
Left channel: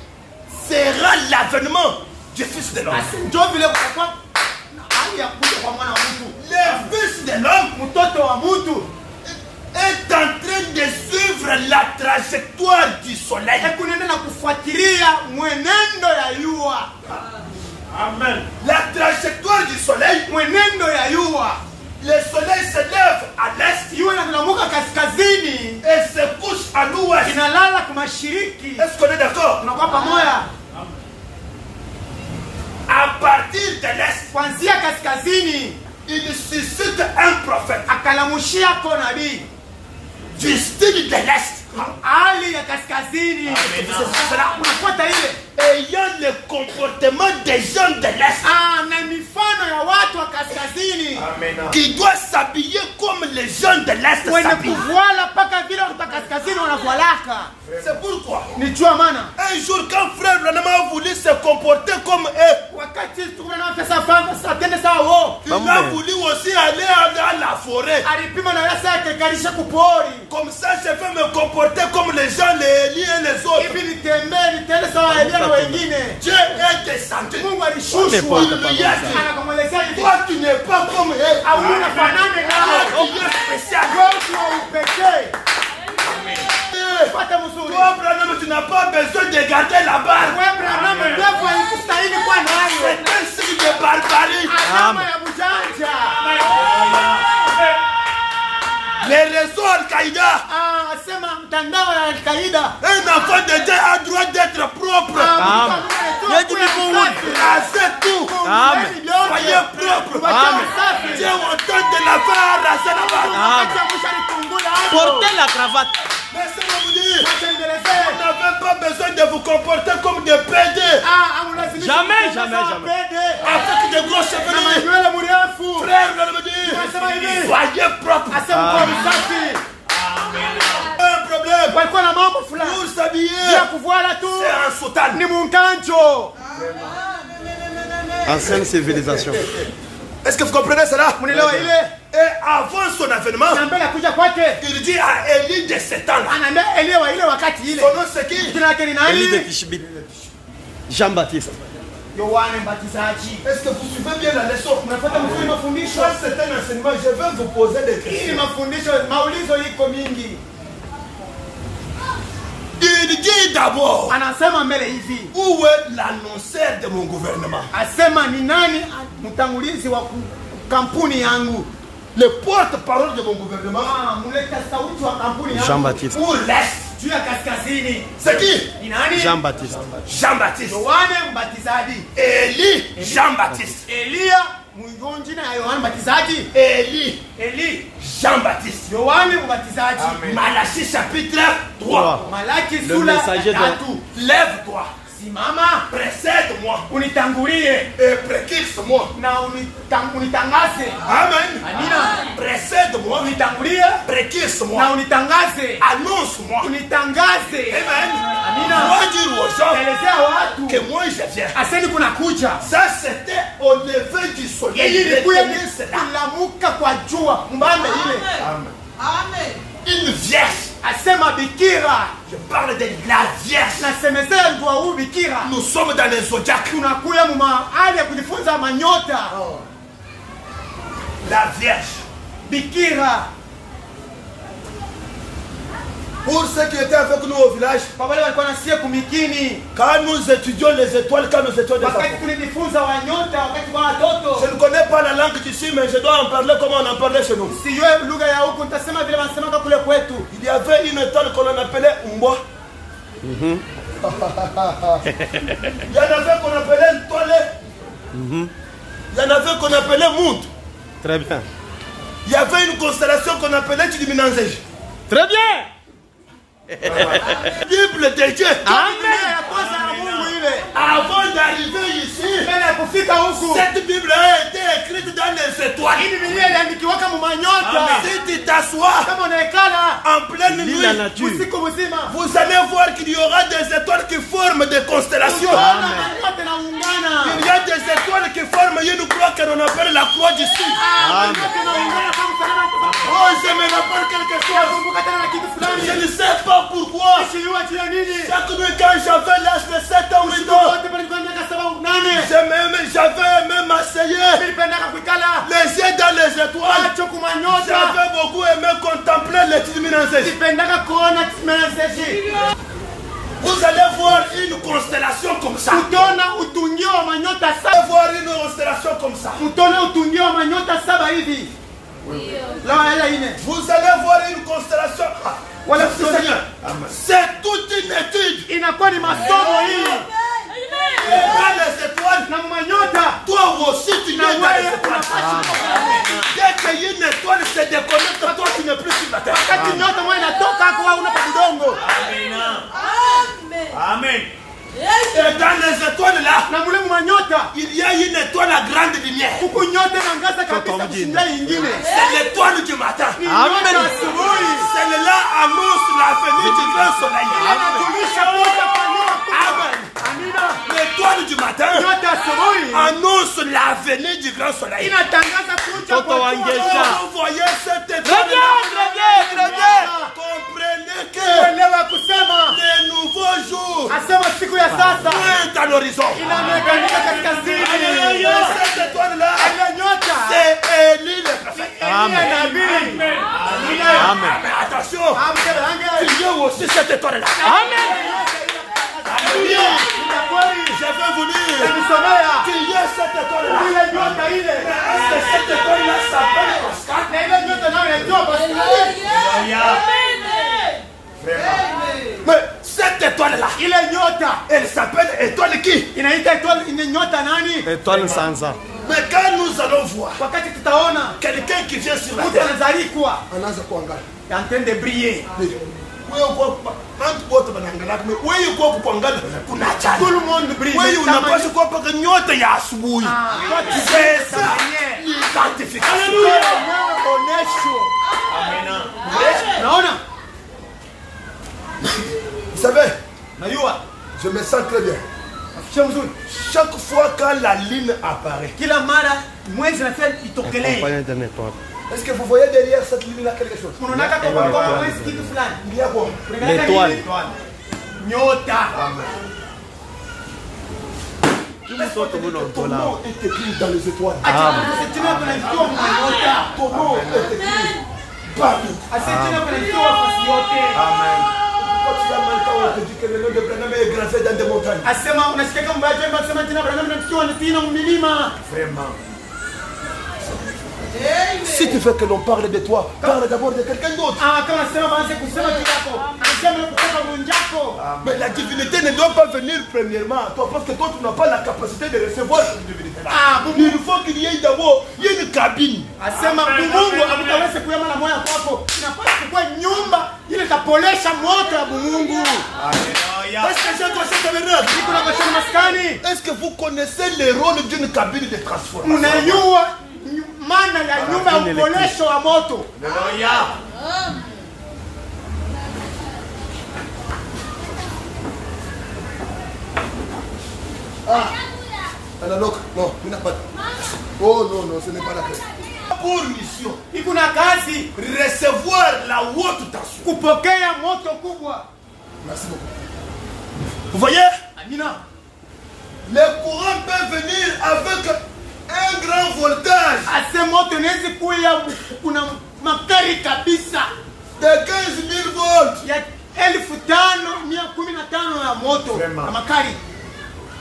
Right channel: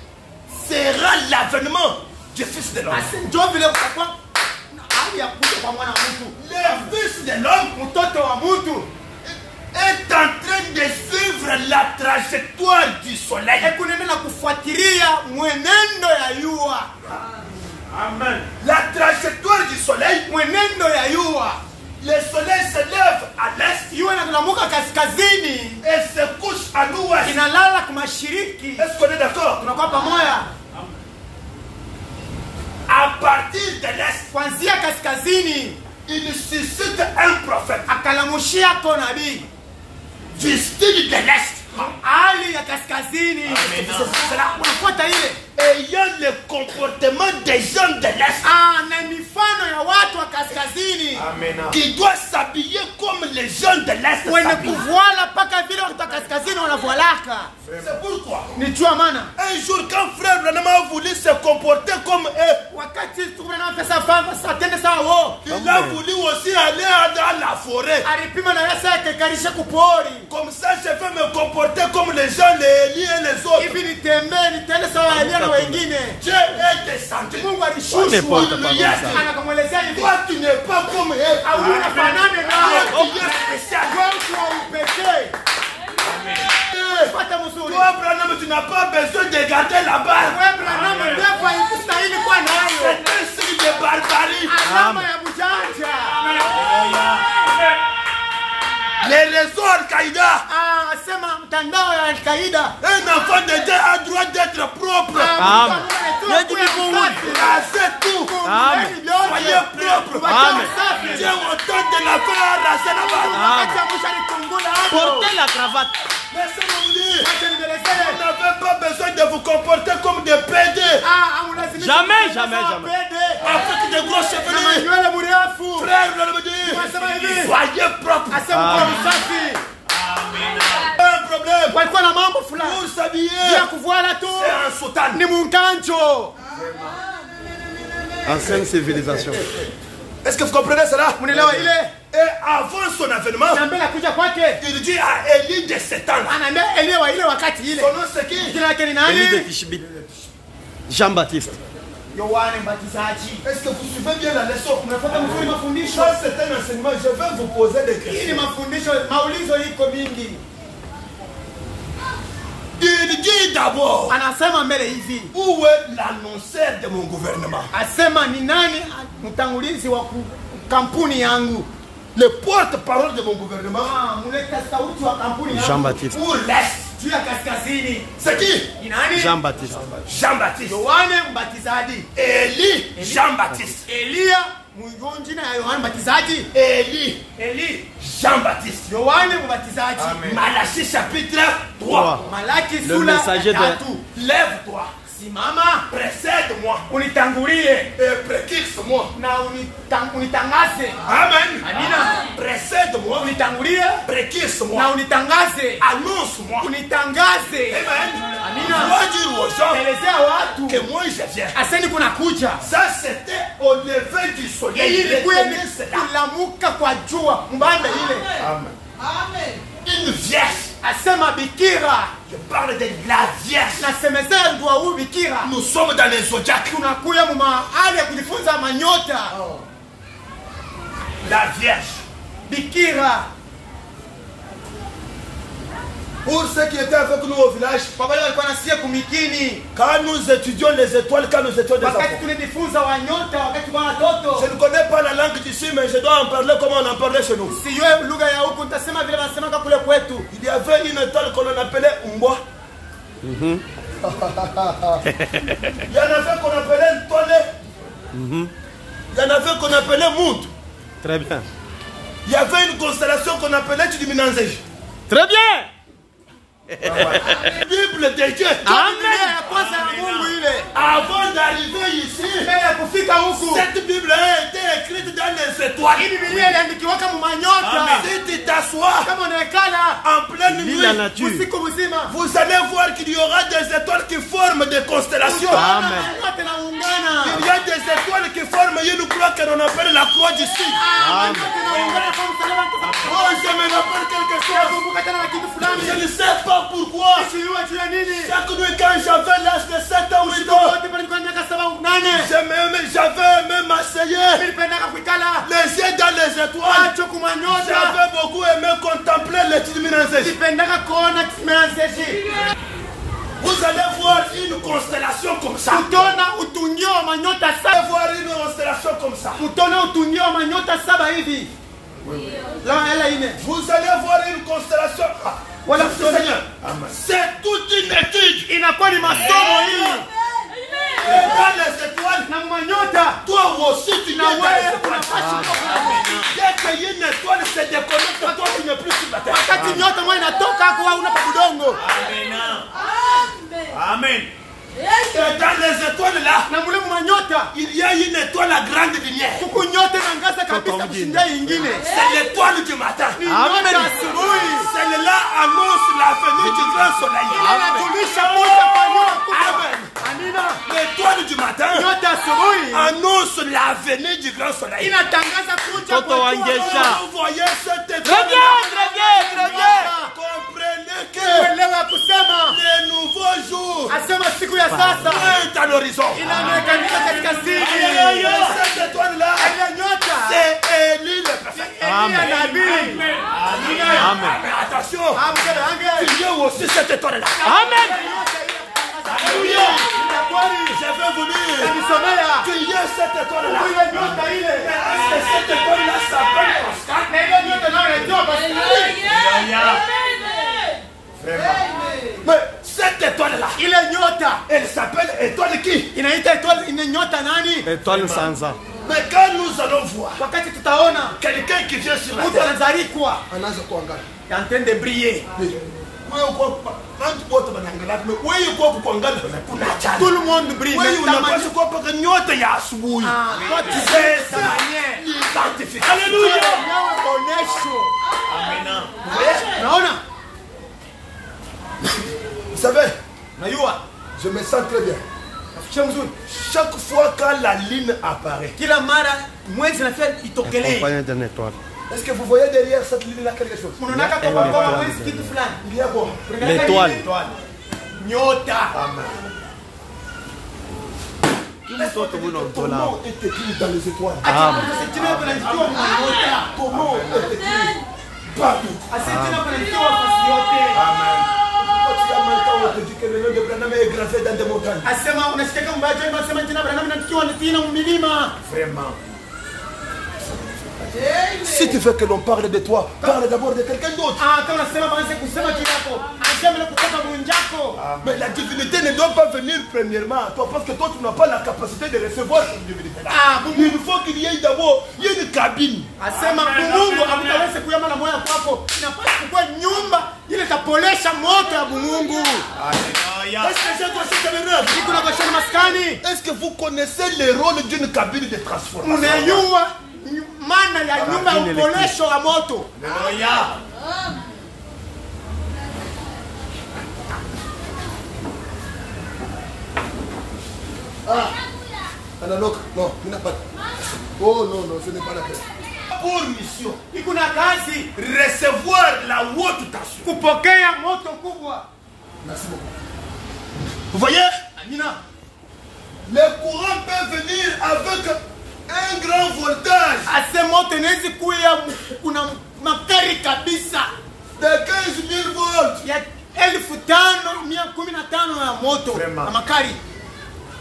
sera l'avènement du Fils de l'homme. Ndio vile kutakuwa hali ya kuja kwa mwana wa mtu. Le Fils de l'homme Mtoto wa mtu est en train de suivre la trajectoire du soleil. kunaenda na kufuatilia mwenendo ya yua. Amen. La trajectoire du soleil, Mwenendo ya yua. le soleil se lève à l'est Yua inamuka kaskazini, et se couche à l'ouest. inalala kwa mashariki. Est-ce qu'on est d'accord? Tunakuwa pamoja. À partir de l'est, Kuanzia kaskazini il suscite un prophète akalamushia kwa nabii. du style de l'est, Hali ya kaskazini c'est cela, unafuata ile ayant le comportement des gens de l'est, na mifano ya watu wa kaskazini qui doit s'habiller comme les gens de l'est wenye s'habillent. kuvuala mpaka vile watu wa kaskazini wanavualaka. C'est pourquoi Ni jua maana un jour quand frère Branham a voulu se comporter comme eux, wakati tukuna pesa baba satende sawa wao, il a voulu aussi aller dans la forêt. alipima na yasa yake karisha kupori Comme ça, je vais me comporter comme les gens, les Élie et les autres. hivi, nitembee nitende sawa Elia na wengine. Dieu est descendu. Mungu alishushwa Alléluia. anakamwelezea hivi, Toi, tu n'es pas comme eux. au unafanane nao, Tu es spécial. wewe wa upekee. Pata mzuri Toi, Branham, tu n'as pas besoin de garder la barbe. wewe Branham, ndefu haikustahili kuwa nayo. C'est un signe de barbarie. Alama ya bujanja. Les réseaux Al-Qaïda. Sema mtandao ya Al-Qaida. Un enfant de Dieu a droit d'être propre. Amen. Rasez tout. Amen. Soyez propre. Amen. Dieu autant de la faire à raser la barbe. Amen. Portez la cravate. Laissez-moi vous dire. Vous n'avez pas besoin de vous comporter comme des pédés. Jamais, jamais, jamais. Avec de grosses chevelures. Frère, je me dis. Soyez propre. Un problème. Pour s'habiller. C'est un soutane. Ni munkanjo. Ancienne civilisation. Est-ce que vous comprenez cela? Mnielewa ile? Et avant son avènement, Anambia kuja kwake. il dit à Élie de cet temps-là. Anaambia Elia wa ile wakati ile. Son nom c'est qui? Jina lake ni Élie de nani? Tishbit. Jean-Baptiste. Yohane Mbatizaji. Est-ce que vous suivez bien la leçon? Unafuata mzuri mafundisho? Ça c'est un enseignement. Je vais vous poser des Hii ni questions. mafundisho, maulizo liko mingi. Il dit d'abord, Anasema mbele hivi. où est l'annonceur de mon gouvernement? Asema ni nani mtangulizi wa kampuni yangu? Le porte-parole de mon gouvernement. Muleta sauti wa kampuni yangu. Jean-Baptiste. Pour l'Est. juu ya kaskazini. C'est qui? Ni nani? Jean-Baptiste. Jean-Baptiste. Yohane Mbatizaji. Élie, Jean-Baptiste. Elia mwingonji na Yohane Mbatizaji. Eli, Jean-Baptiste. Yohane Mbatizaji. Malachie chapitre 3. Malaki Le sura messager ya de- 3. Lève-toi, Simama, précède-moi unitangulie et précise-moi. na unitangaze. Amen. Amina. Précède-moi, Unitangulie précise-moi, na unitangaze. annonce-moi. Unitangaze. Amen. Amina. Dois dire aux gens Elezea watu que moi je viens. aseni kuna kuja. Ça c'était au lever du soleil. Hii ilikuwa ni Retenez cela. kulamuka kwa jua mbanda ile. Une vierge. Asema bikira. Je parle de la vierge. Nasemezea ndio huu bikira. Nous sommes dans les zodiacs. Tunakuya mu mahali ya kujifunza manyota. La vierge. Bikira. Pour ceux qui étaient avec nous au village, Kwa wale walikuwa nasikia kumikini. quand nous étudions les étoiles, quand nous étions des Wakati enfants, tulijifunza wanyota, wakati kwa je watoto. ne connais pas la langue d'ici, mais je dois en parler comme on en parlait chez nous. Sijue lugha ya huku, nitasema vile wanasemanga kule kwetu. Il y avait une étoile qu'on appelait Umboa. Il y en avait qu'on appelait Ntole. Il y en avait qu'on appelait Mout. Très bien. Il y avait une constellation qu'on appelait Chidiminanzej. Très bien. Bible de Dieu. Amen. Ya kwanza na Mungu ile. Avant d'arriver ici, Mbele ya kufika huku. cette Bible a été écrite dans les étoiles. Hii Biblia iliandikiwa kama manyota. Si tu t'assois Kama unaekala en pleine Lis la nuit, nature. usiku mzima. vous allez voir qu'il y aura des étoiles qui forment des constellations. Utaona manyota naungana. Il y a des étoiles qui forment une croix que l'on appelle la croix du Sud. Amen. Naungana kama msalaba. Oh, je me rappelle quelque chose. Kumbuka tena na kitu Je fulani. ne sais pas pourquoi. Sijui juu ya nini. Chaque nuit quand j'avais l'âge de 7 ans ou 8 ans, Wote pale kwa miaka 7 au 8. j'avais aimé m'asseyer Nilipendaka kuikala. les yeux dans les étoiles. Macho kumanyota. J'avais beaucoup aimé contempler les Chidiminanzej. Nilipendaka kuona message. Vous allez voir une constellation comme ça. Utaona utungio wa manyota Vous saba. allez voir une constellation comme ça. Utaona utungio wa manyota saba hivi. La ine. Vous allez voir une constellation. Ah, Voilà, merci Seigneur. C'est toute une étude. Inakuwa ni masomo hii. Et dans les étoiles, Na manyota. toi aussi tu es dans les étoiles. Dès qu'il y a une étoile se déconnecte, toi tu n'es plus sur la terre. Kati nyota moja inatoka hapo au unapa kidongo. Amen. Et dans les étoiles là, Na mule manyota. il y a une étoile à grande lumière. Huku nyota inaangaza kabisa Toto kushinda nyingine. C'est l'étoile du matin. Amen. Celle-là annonce la venue du grand soleil. Inatumisha moja kwa moja. Amen. Amina. L'étoile du matin Nyota asubuhi annonce la venue du grand soleil. inatangaza kuja Toto kwa wangesha. Vous voyez cette Très étoile bien, très bien, très bien. comprenez que Elewa kusema. les nouveaux jours Asema siku ya sasa pointent à l'horizon. inaonekana kaskazini. Et cette étoile-là, Ile nyota. c'est Élie le prophète. Amen. Nabii. Amen. Mais attention, Amke ange. il y a aussi cette étoile-là. Amen. Oui, j'avais voulu qu'il y ait cette étoile-là. Ile nyota ile. Est-ce que cette étoile-là s'appelle Oscar? Na ile nyota nayo inaitwa basi. Mais cette étoile-là, Ile nyota elle s'appelle étoile qui? inaita étoile ine nyota nani? Étoile sans ans. Mais quand nous allons voir Wakati tutaona quelqu'un qui vient sur la mtu terre, anazalikwa anaanza kuangalia. en train de briller. Wewe uko bantu wote wanaangalia, wewe uko kuangalia kuna Tout chani. le monde brille. Wewe unapaswa kuwa paka nyota ya asubuhi. C'est ça l'identification. Haleluya. Onyesho. Naona? Vous savez, Najua. je me sens très bien. Sio mzuri. Chaque fois quand la ligne apparaît, Kila mara mwezi nafia itokelee. Accompagné d'une étoile. est-ce que vous voyez derrière cette ligne-là quelque chose? Unaona kama kwa mwezi kitu fulani. Il y a quoi? L'étoile. Nyota. Mtoto muna Ton mtola. nom est écrit dans les étoiles. Asitina kunaandikiwa kwa nyota. Ton nom est écrit partout. Asitina kunaandikiwa fasi yote. Pourquoi tu as mal quand on te dit que le nom de Branham est gravé dans des montagnes? Asema unasikia kama mbaya jambo asema jina Branham naandikiwa ni pina milima. Vraiment. Si tu veux que l'on parle de toi, parle d'abord de quelqu'un d'autre. Mais la divinité ne doit pas venir premièrement à toi parce que toi tu n'as pas la capacité de recevoir cette divinité-là. Il faut qu'il y ait d'abord une cabine. Est-ce que vous connaissez le rôle d'une cabine de transformation? Non, il n'a pas. Oh non, ce n'est pas la peine. Pour mission, recevoir la haute tension. Merci beaucoup. Vous voyez? Le courant peut venir avec un grand voltage de 15 000 volts.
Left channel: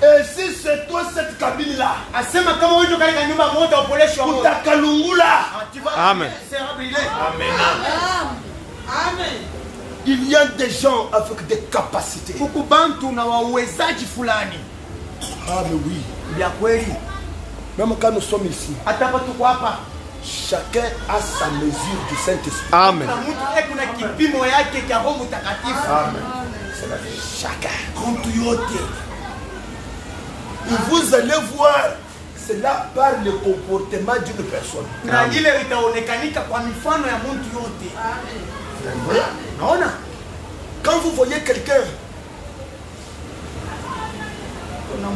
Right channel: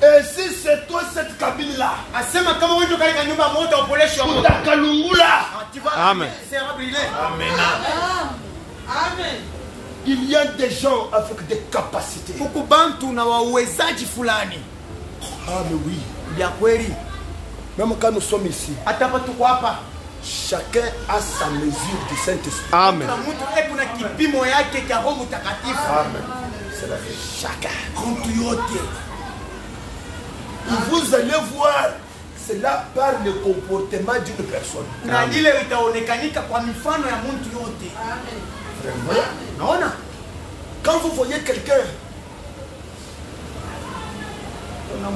Et si c'est toi cette cabine-là, Amen. Il y a des gens avec des capacités. Ah mais oui. Même quand nous sommes ici, chacun a sa mesure du Saint-Esprit. Amen. C'est la vie. Chacun. Vous allez voir cela par le comportement d'une personne. Quand vous voyez quelqu'un,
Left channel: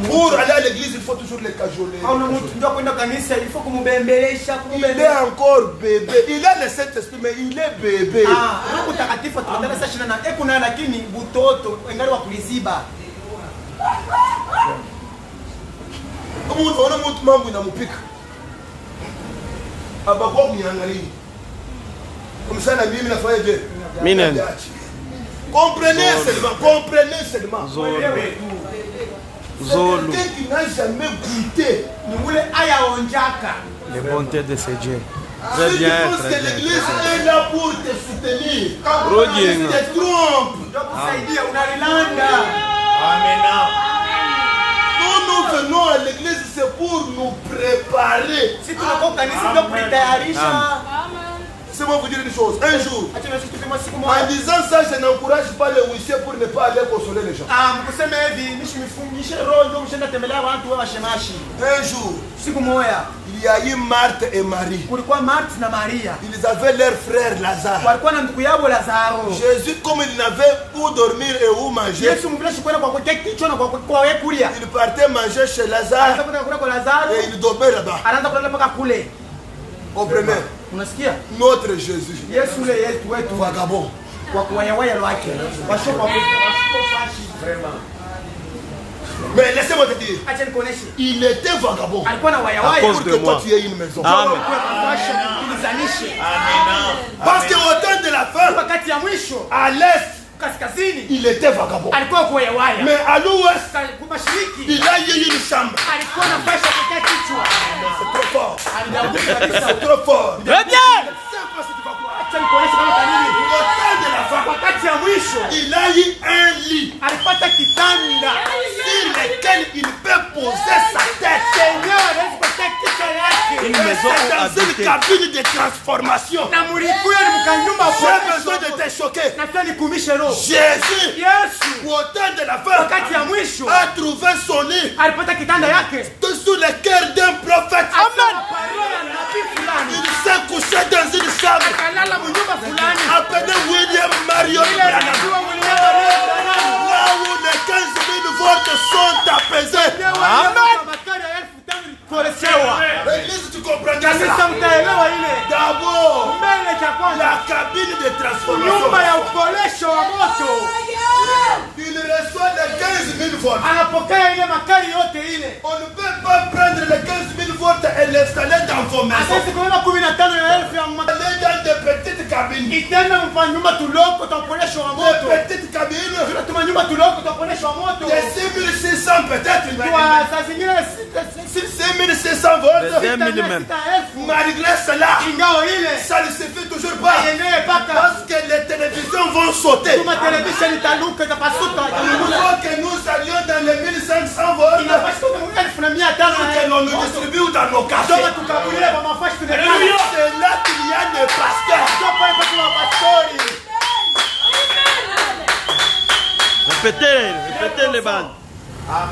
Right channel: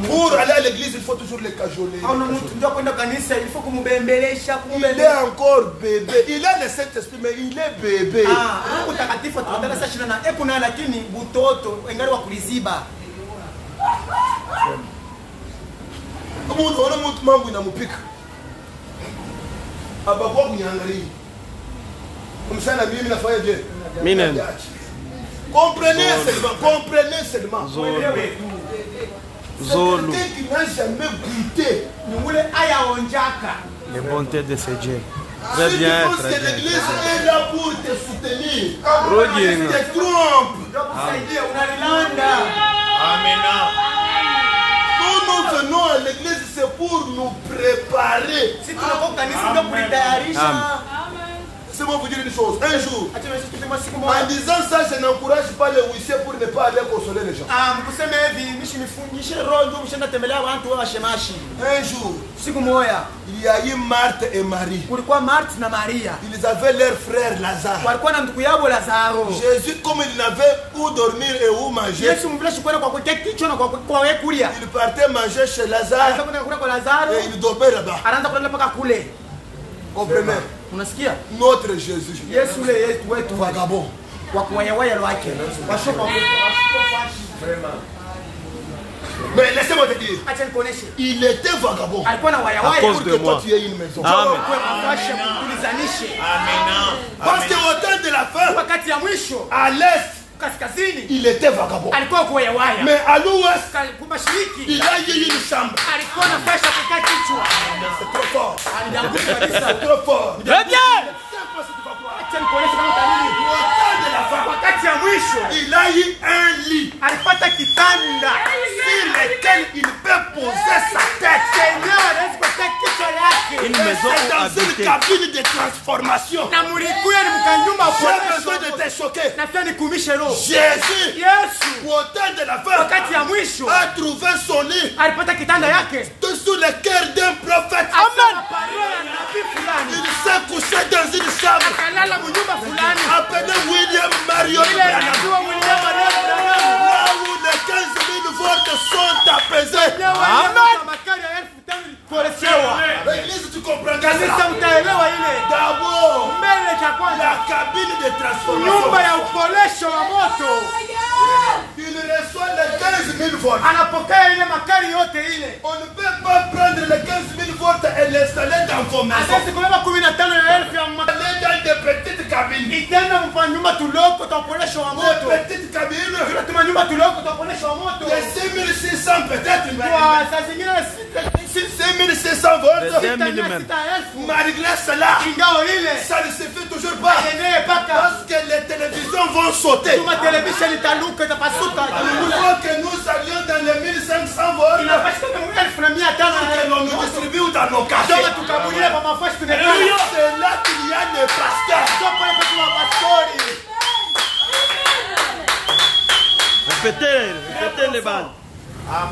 pour aller à l'église, il faut toujours le cajoler. Il est encore bébé. Il a le Saint-Esprit, mais il est bébé. Comprenez seulement. Zolo. Quelqu'un qui n'a jamais goûté Les bontés de ce Dieu. Si Très tu bien, penses très que bien. l'église est là pour te soutenir, Rodin. tu te trompes. Nous venons à l'église, c'est pour nous préparer. C'est moi vous dire une chose. Un jour, en disant ça, je n'encourage pas les huissiers pour ne pas aller consoler les gens. Un jour, il y a eu Marthe et Marie. Ils avaient leur frère Lazare. Jésus, comme il n'avait où dormir et où manger, il partait manger chez Lazare et il dormait là-bas. Comprenez? Notre Jésus, vagabond. Mais laissez-moi te dire, il était vagabond. À cause de moi. Tu aies une maison. Amen. Parce qu'au temps de la fin, à l'est, il était vagabond. Mais à l'ouest, il a eu une chambre. C'est trop fort. C'est trop fort. Très bien. Au temps de la fin, il a eu un lit sur lequel il peut poser sa tête. Une maison C'est dans une habitée. cabine de transformation. J'ai besoin de te choquer. Jésus, au temps de la fin, a trouvé son lit sous le cœur d'un prophète. Il s'est couché dans une chambre appelée William Marion Branham. Là où les 15 000 volts sont apaisés. L'église, tu comprends cela? D'abord, la cabine de transformation. Il reçoit les 15 000 volts. On ne peut pas prendre les 15 000 volts et l'installer dans vos maisons. Aller dans des petites cabines. Des petites cabines. De 6600 peut-être. 6600 volts. De 2000 même. Malgré cela, Ingao ile. ça ne se fait toujours pas. Yenyewe paka. Parce que les télévisions vont sauter. Tuma television italuka itapasuka. Il faut que nous allions dans les 1500 volts. Inapaswa kumweka 1500 Que l'on nous distribue dans nos quartiers. Ndio tukabulie kwa mafashi tunekana. C'est là qu'il y a des pasteurs. Ndio pale kwa pastori. Répétez les bandes.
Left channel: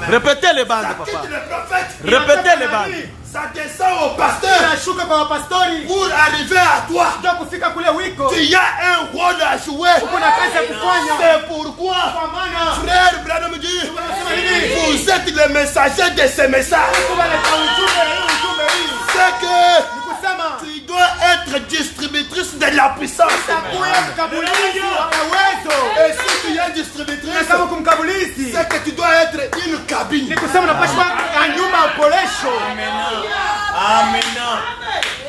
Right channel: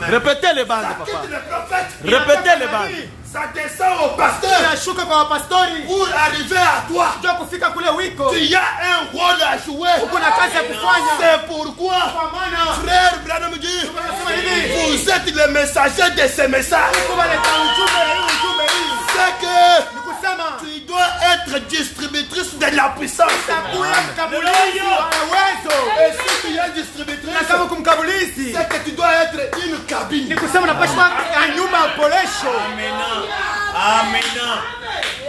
Répétez les bandes, papa. Quitte le prophète. Répétez les bandes. Ça descend au pasteur. Tunashuka kwa pastori. Pour arriver à toi, Ndio kufika kule wiko. il y a un rôle à jouer. Kuna kazi ya kufanya. C'est pourquoi, Kwa maana frère Branham dit, tunasema hivi. vous êtes les messagers de ces messages. Kubaleta ujumbe hii. C'est que Ni kusema tu dois être distributrice de la puissance. takuya mkabulizi wa uwezo. Et si tu es distributrice, Kama kumkabulizi. c'est que tu dois être une cabine. Ni kusema unapaswa nyumba ya polesho.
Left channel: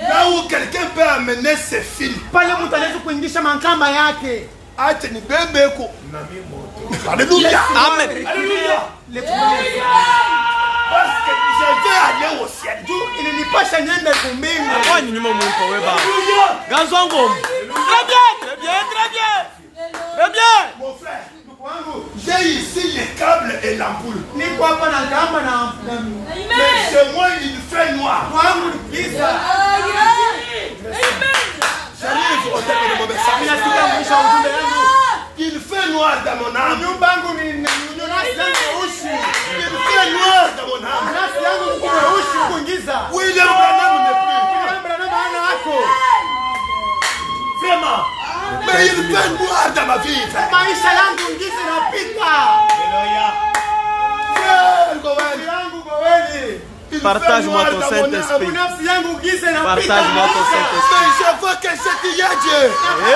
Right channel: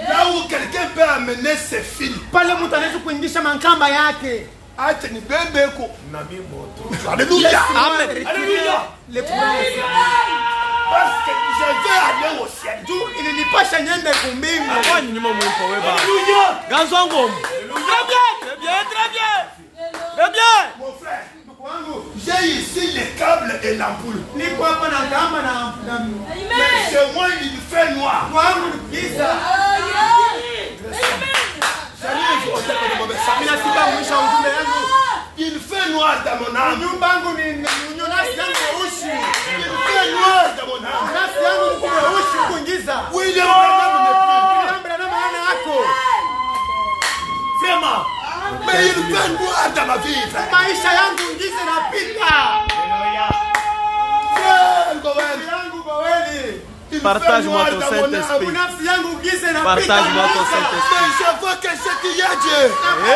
Là où quelqu'un peut amener ses fils. Pale mtu anaweza kuingisha makamba yake. Acha ni bebeko. Alléluia. Amen. Alléluia. Parce que je vais aller au ciel. Ilinipasha niende kumbingu. Kwani nyuma mwipo weba. Ganzongo. Très bien, très bien, très bien. Très bien. Mon frère, j'ai ici les câbles et l'ampoule. Niko hapa na kamba na Mais chez moi, il fait noir. kwangu giza. J'arrive au terme de mon message. Ninafika mwisho wa ujumbe wangu. Il fait noir dans mon âme. Nyumba yangu ni nafsi yangu ushi. Il fait noir dans mon âme. Nafsi yangu ni ushi kuingiza. William Branham n'est plus. Namba na maana yako. Vraiment. Mais il fait noir dans ma vie, frère. Maisha yangu giza napita. Frère Gowen. Yangu baweli. Il Partage-moi fait ton noir dans mon Saint-Esprit. âme. Nafsi yangu giza napita. Partage-moi ton Saint-Esprit. Mais je veux que c'est Dieu. Amen,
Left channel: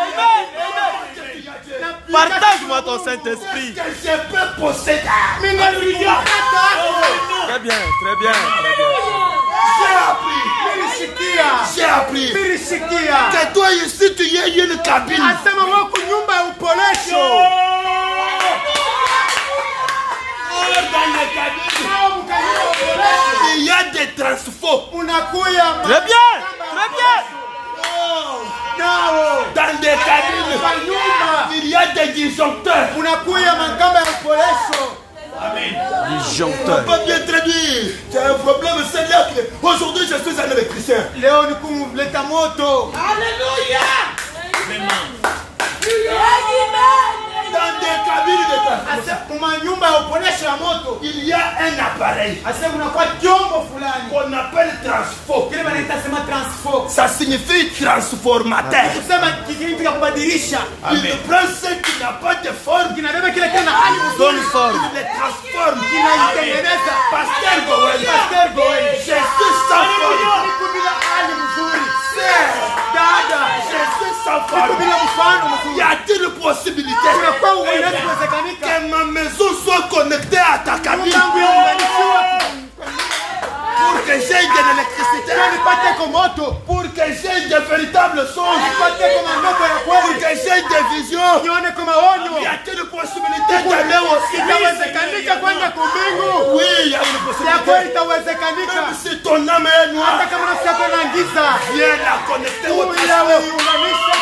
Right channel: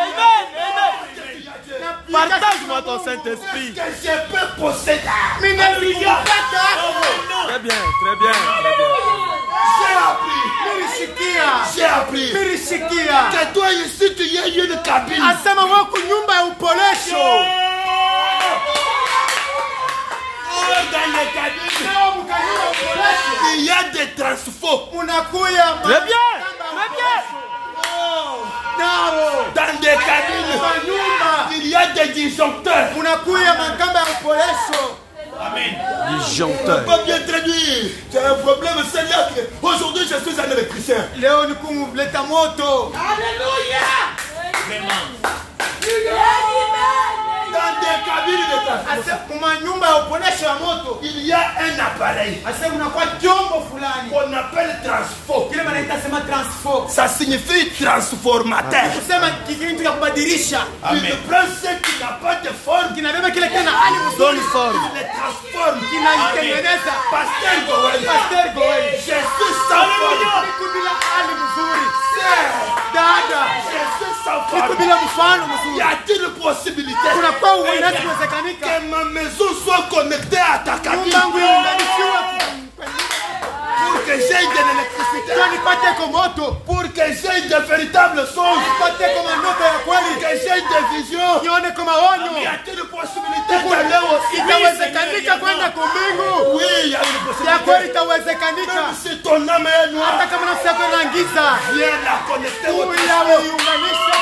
amen, amen. Partage-moi ton Saint-Esprit. Que je peux posséder. Très bien, très bien, très bien. J'ai appris que toi ici tu es une cabine. Asema wako nyumba ya upolesho. Dans les cabines, Nao mkanyumba ya upolesho. il y a des transfos. Unakuya Très bien, très bien. nao. Dans des cabines, Kwa nyumba. il y a des disjoncteurs. Unakuya makamba ya upolesho. Disjoncteur. Pas bien traduit. J'ai un problème, c'est là que aujourd'hui je suis un électricien. Leo ni kumleta moto. Dans des cabines de transfo, Ase kuma nyumba ya upolesho ya moto. il y a un appareil Ase unakuwa chombo fulani. qu'on appelle transfo. Kile wanaita sema transfo. Ça signifie transformateur. Kusema kitu cha kubadilisha. Il prend ce qui n'a pas de forme, Kinabeba kile tena hali mzuri. Donne forme. il le transforme. Kinaitengeneza. Pasteur Gowen, Pastor boy. je suis sans forme. Niko bila hali mzuri. Sœur, Dada. je suis sans Niko forme. bila mfano Y mzuri. a-t-il une possibilité Unakuwa unaweza kuwezekanika. que ma maison soit connectée à ta cabine Mungu yangu pour que j'aie de l'électricité, nipate kwa moto. pour que j'aie de véritables songes, Nipate kama ndoto ya pour kweli. que j'aie des visions? Nione kama Y onyo. a-t-il une possibilité d'aller au ciel? Itawezekanika kwenda kwa Mungu. Oui, il y a une Yako possibilité. itawezekanika. Même si ton âme est noire, Hata kama nafsi yako inaingiza. viens la connecter au Uya transport. uiunganisha.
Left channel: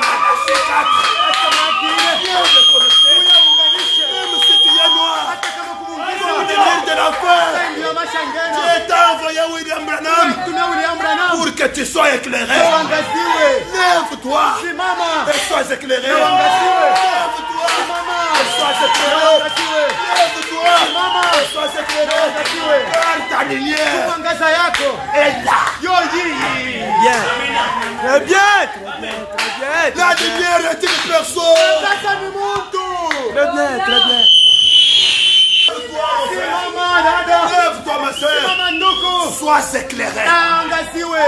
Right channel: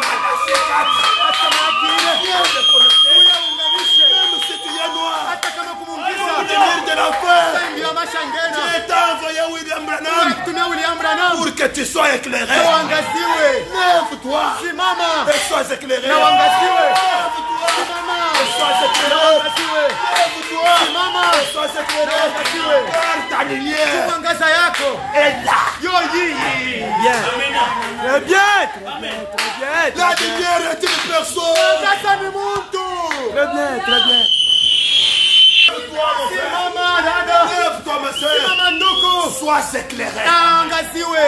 Malachi 4. Hata mwakile. Viens le connecter. Uya uunganishe. Même si tu es noir, Hata kama pour kumungiza. venir de l'enfer, Ndio mashangena. Dieu t'a envoyé William Branham Tumia William Branham. pour que tu sois éclairé. Uangaziwe. Lève-toi Simama. et sois éclairé. Uangaziwe. Lève-toi Simama. et sois éclairé. Uangaziwe. Lève-toi et sois éclairé. Car ta lumière Mwangaza yako. est là. Yo yi. Bien. Très bien, très bien, très bien. La lumière est une personne. Sasa ni mtu. Très bien, très bien. Lève-toi, mon frère. Simama dada. Lève-toi, ma soeur. Simama ndugu. Sois éclairé. Angaziwe.